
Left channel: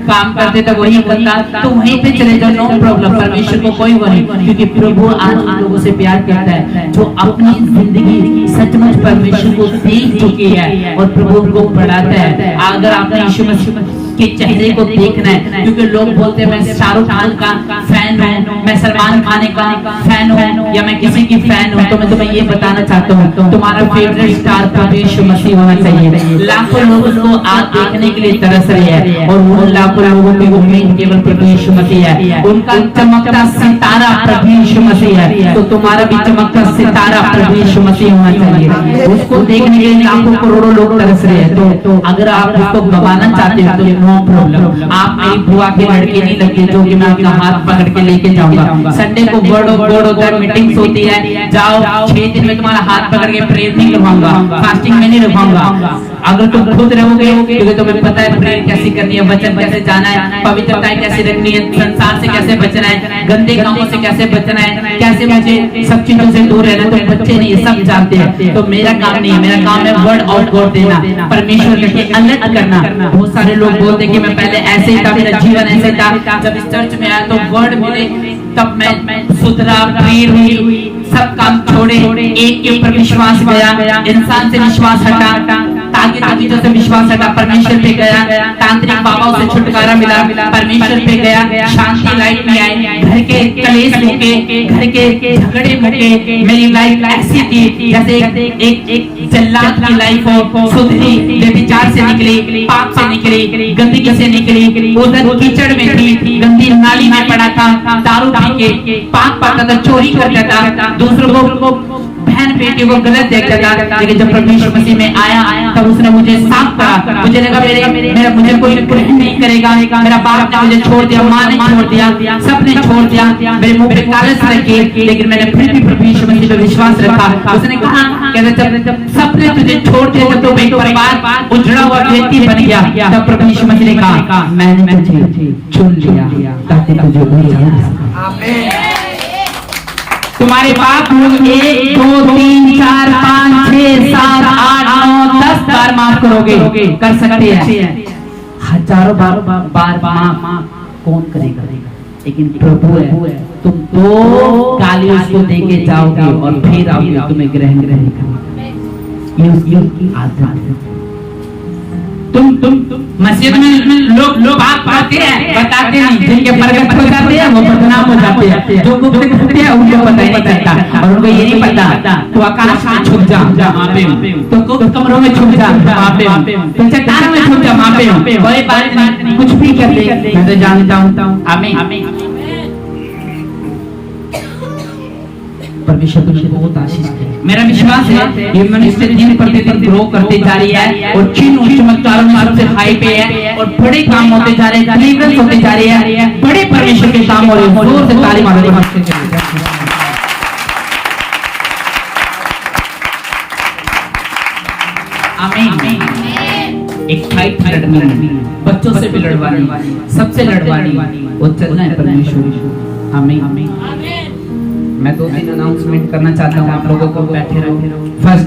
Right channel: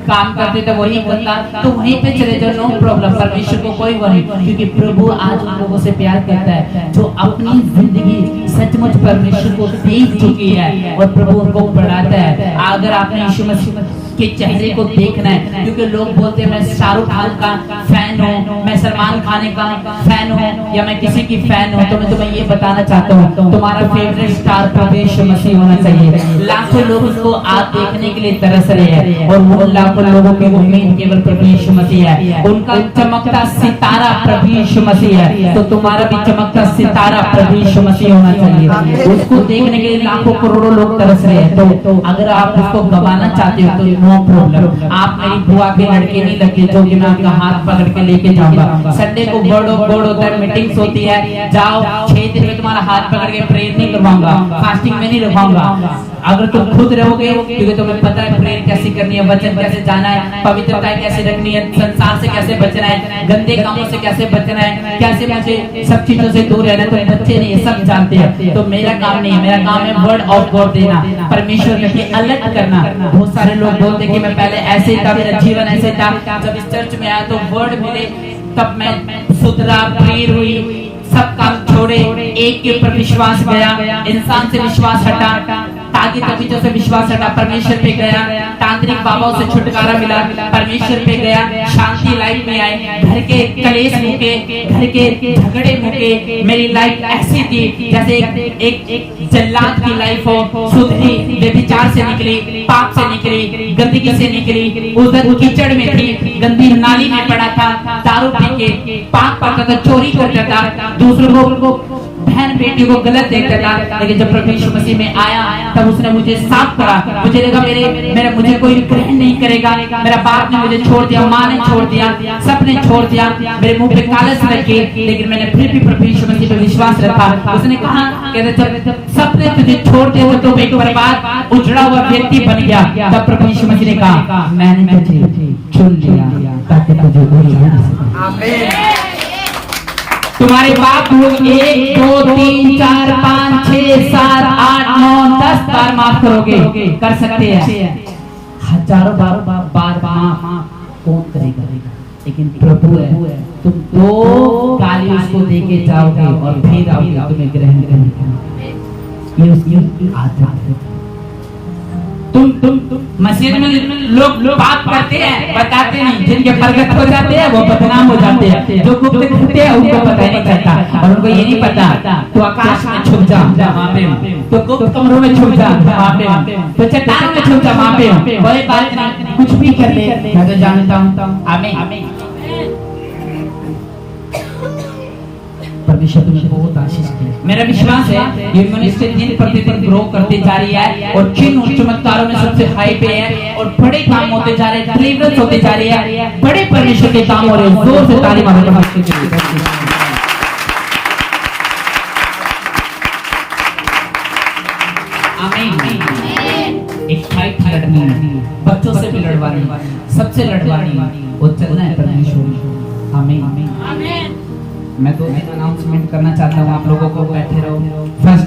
काम करते थे, वही करता, तो वहीं पे चले जाओ, नो प्रॉब्लम। परमेश्वर को कोई वरी, क्योंकि प्रभु आज उन लोगों से प्यार करता है जो अपनी जिंदगी सचमुच परमेश्वर को देख चुकी है और प्रभु को बढ़ाता है। अगर आपने यीशु मसीह के चेहरे को देखना है, क्योंकि लोग बोलते हैं मैं शाहरुख खान का फैन हूँ, मैं सलमान खान का फैन हूँ, या मैं किसी की फैन हूँ, तो मैं तुम्हें ये बताना चाहता हूँ तुम्हारा फेवरेट स्टार प्रभु यीशु मसीह होना चाहिए। लाखों लोग उसको आज देखने के लिए तरस रहे हैं और उन लाखों लोगों की उम्मीद केवल प्रभु यीशु मसीह है, उनका चमकता सितारा प्रभु यीशु मसीह है। तो तुम्हारा भी चमकता सितारा प्रभु यीशु मसीह होना चाहिए। उसको देखने के लिए लाखों करोड़ों लोग तरस रहे हैं। तो अगर आप उसको गवाना चाहते हो तो नो प्रॉब्लम, आप मेरी बुआ के लड़के नहीं लगे जो कि मैं आपका हाथ पकड़ के लेके जाऊंगा। संडे को बोर्ड होता है, मीटिंग्स होती है, जाओ 6 दिन में तुम्हारा हाथ पकड़ के प्रेयर नहीं करवाऊंगा, फास्टिंग में नहीं रखवाऊंगा। अगर तुम खुद रहोगे, क्योंकि तुम्हें पता है प्रेयर कैसे करनी है, वचन कैसे जाना है, पवित्रता कैसे रखनी है, संसार से कैसे बचना है, गंदे कामों से कैसे बचना है, कैसे मुझे सब चीजों से दूर रहना है, तो बच्चे नहीं है, सब जानते हैं। तो मेरा काम नहीं है, मेरा काम है वर्ड ऑफ गॉड देना, परमेश्वर के अलर्ट करना। बहुत सारे लोग बोलते कि मैं पहले ऐसे था, मेरा जीवन ऐसे था, जब इस चर्च में आया तो वर्ड मिले तब मैं सुधरा, प्रेयर हुई, सब काम छोड़े, एक के ऊपर विश्वास गया, इंसान से विश्वास हटा, ताकि तबीयत से विश्वास हटा, परमेश्वर पे गया, तांत्रिक बाबाओं से छुटकारा मिला, परमेश्वर पे गया, शांति लाइफ में आए, घर के कलेश मुके, घर के झगड़े मुके, मेरी लाइफ ऐसी थी जैसे एक जल्लाद की लाइफ हो, सुधरी, व्यभिचार से निकली, पाप से निकली, गंदगी से निकली, उधर कीचड़ में थी, गंदी नाली में पड़ा था, दारू पी के पाप पाता था, चोरी करता था, दूसरों को बहन बेटी को गलत देखता था। लेकिन जब प्रभु यीशु मसीह में आया तब उसने मुझे साफ करा, मुझे लगा मुझे कोई ग्रहण नहीं करेगा, मेरा बाप ने मुझे छोड़ दिया, माँ ने छोड़ दिया, सबने छोड़ दिया, मेरे मुंह पे कालस रखी, लेकिन मैंने फिर भी प्रभु यीशु मसीह पे विश्वास रखा। उसने कहा जब सबने तुझे छोड़ दिया, जब तुम एक परिवार उजड़ा हुआ व्यक्ति बन गया, तब प्रभु यीशु मसीह ने कहा मैंने तुझे चुन लिया ताकि तुझे आमीन। तुम्हारे बाप लोग 1 2 3 4 5 6 7 8 9 10 बार माफ करोगे, कर सकते हैं, हजारों बार माफ कौन करेगा, लेकिन प्रभु है। तुम 2 गाली उसको देके जाओगे और फिर आओगे, तुम्हें ग्रहण करेगा। तुम मस्जिद में लोग पाप करते हैं, बताते नहीं, जिनके प्रगट हो जाते हैं वो बदनाम हो जाते हैं, जो गुप्त करते हैं उनको पता ही नहीं चलता, और उनको ये नहीं पता तो आकाश में छुप जा वहाँ पे, तो गुप्त कमरों में छुप जा वहाँ पे, तो चट्टान में छुप जा वहाँ पे, कोई बात नहीं, कुछ भी कर ले, मैं तो जानता हूँ। आमीन। परमेश्वर तुझे बहुत आशीष दे। मेरा विश्वास है ये मिनिस्ट्री दिन प्रतिदिन ग्रो करते जा रही है और चिन्ह और चमत्कारों में सबसे हाई पे है और बड़े काम होते जा रहे हैं, डिलीवरेंस होते जा रही है, बड़े परमेश्वर के काम हो रहे हैं। जोर से ताली मारो नमस्ते चलिए। आमीन। एक फाइट लड़नी, बच्चों से भी लड़वानी, सबसे लड़वानी, वो चलना है परमेश्वर। आमीन। मैं 2 दिन अनाउंसमेंट करना चाहता हूँ, आप लोगों को बैठे रहो। फर्स्ट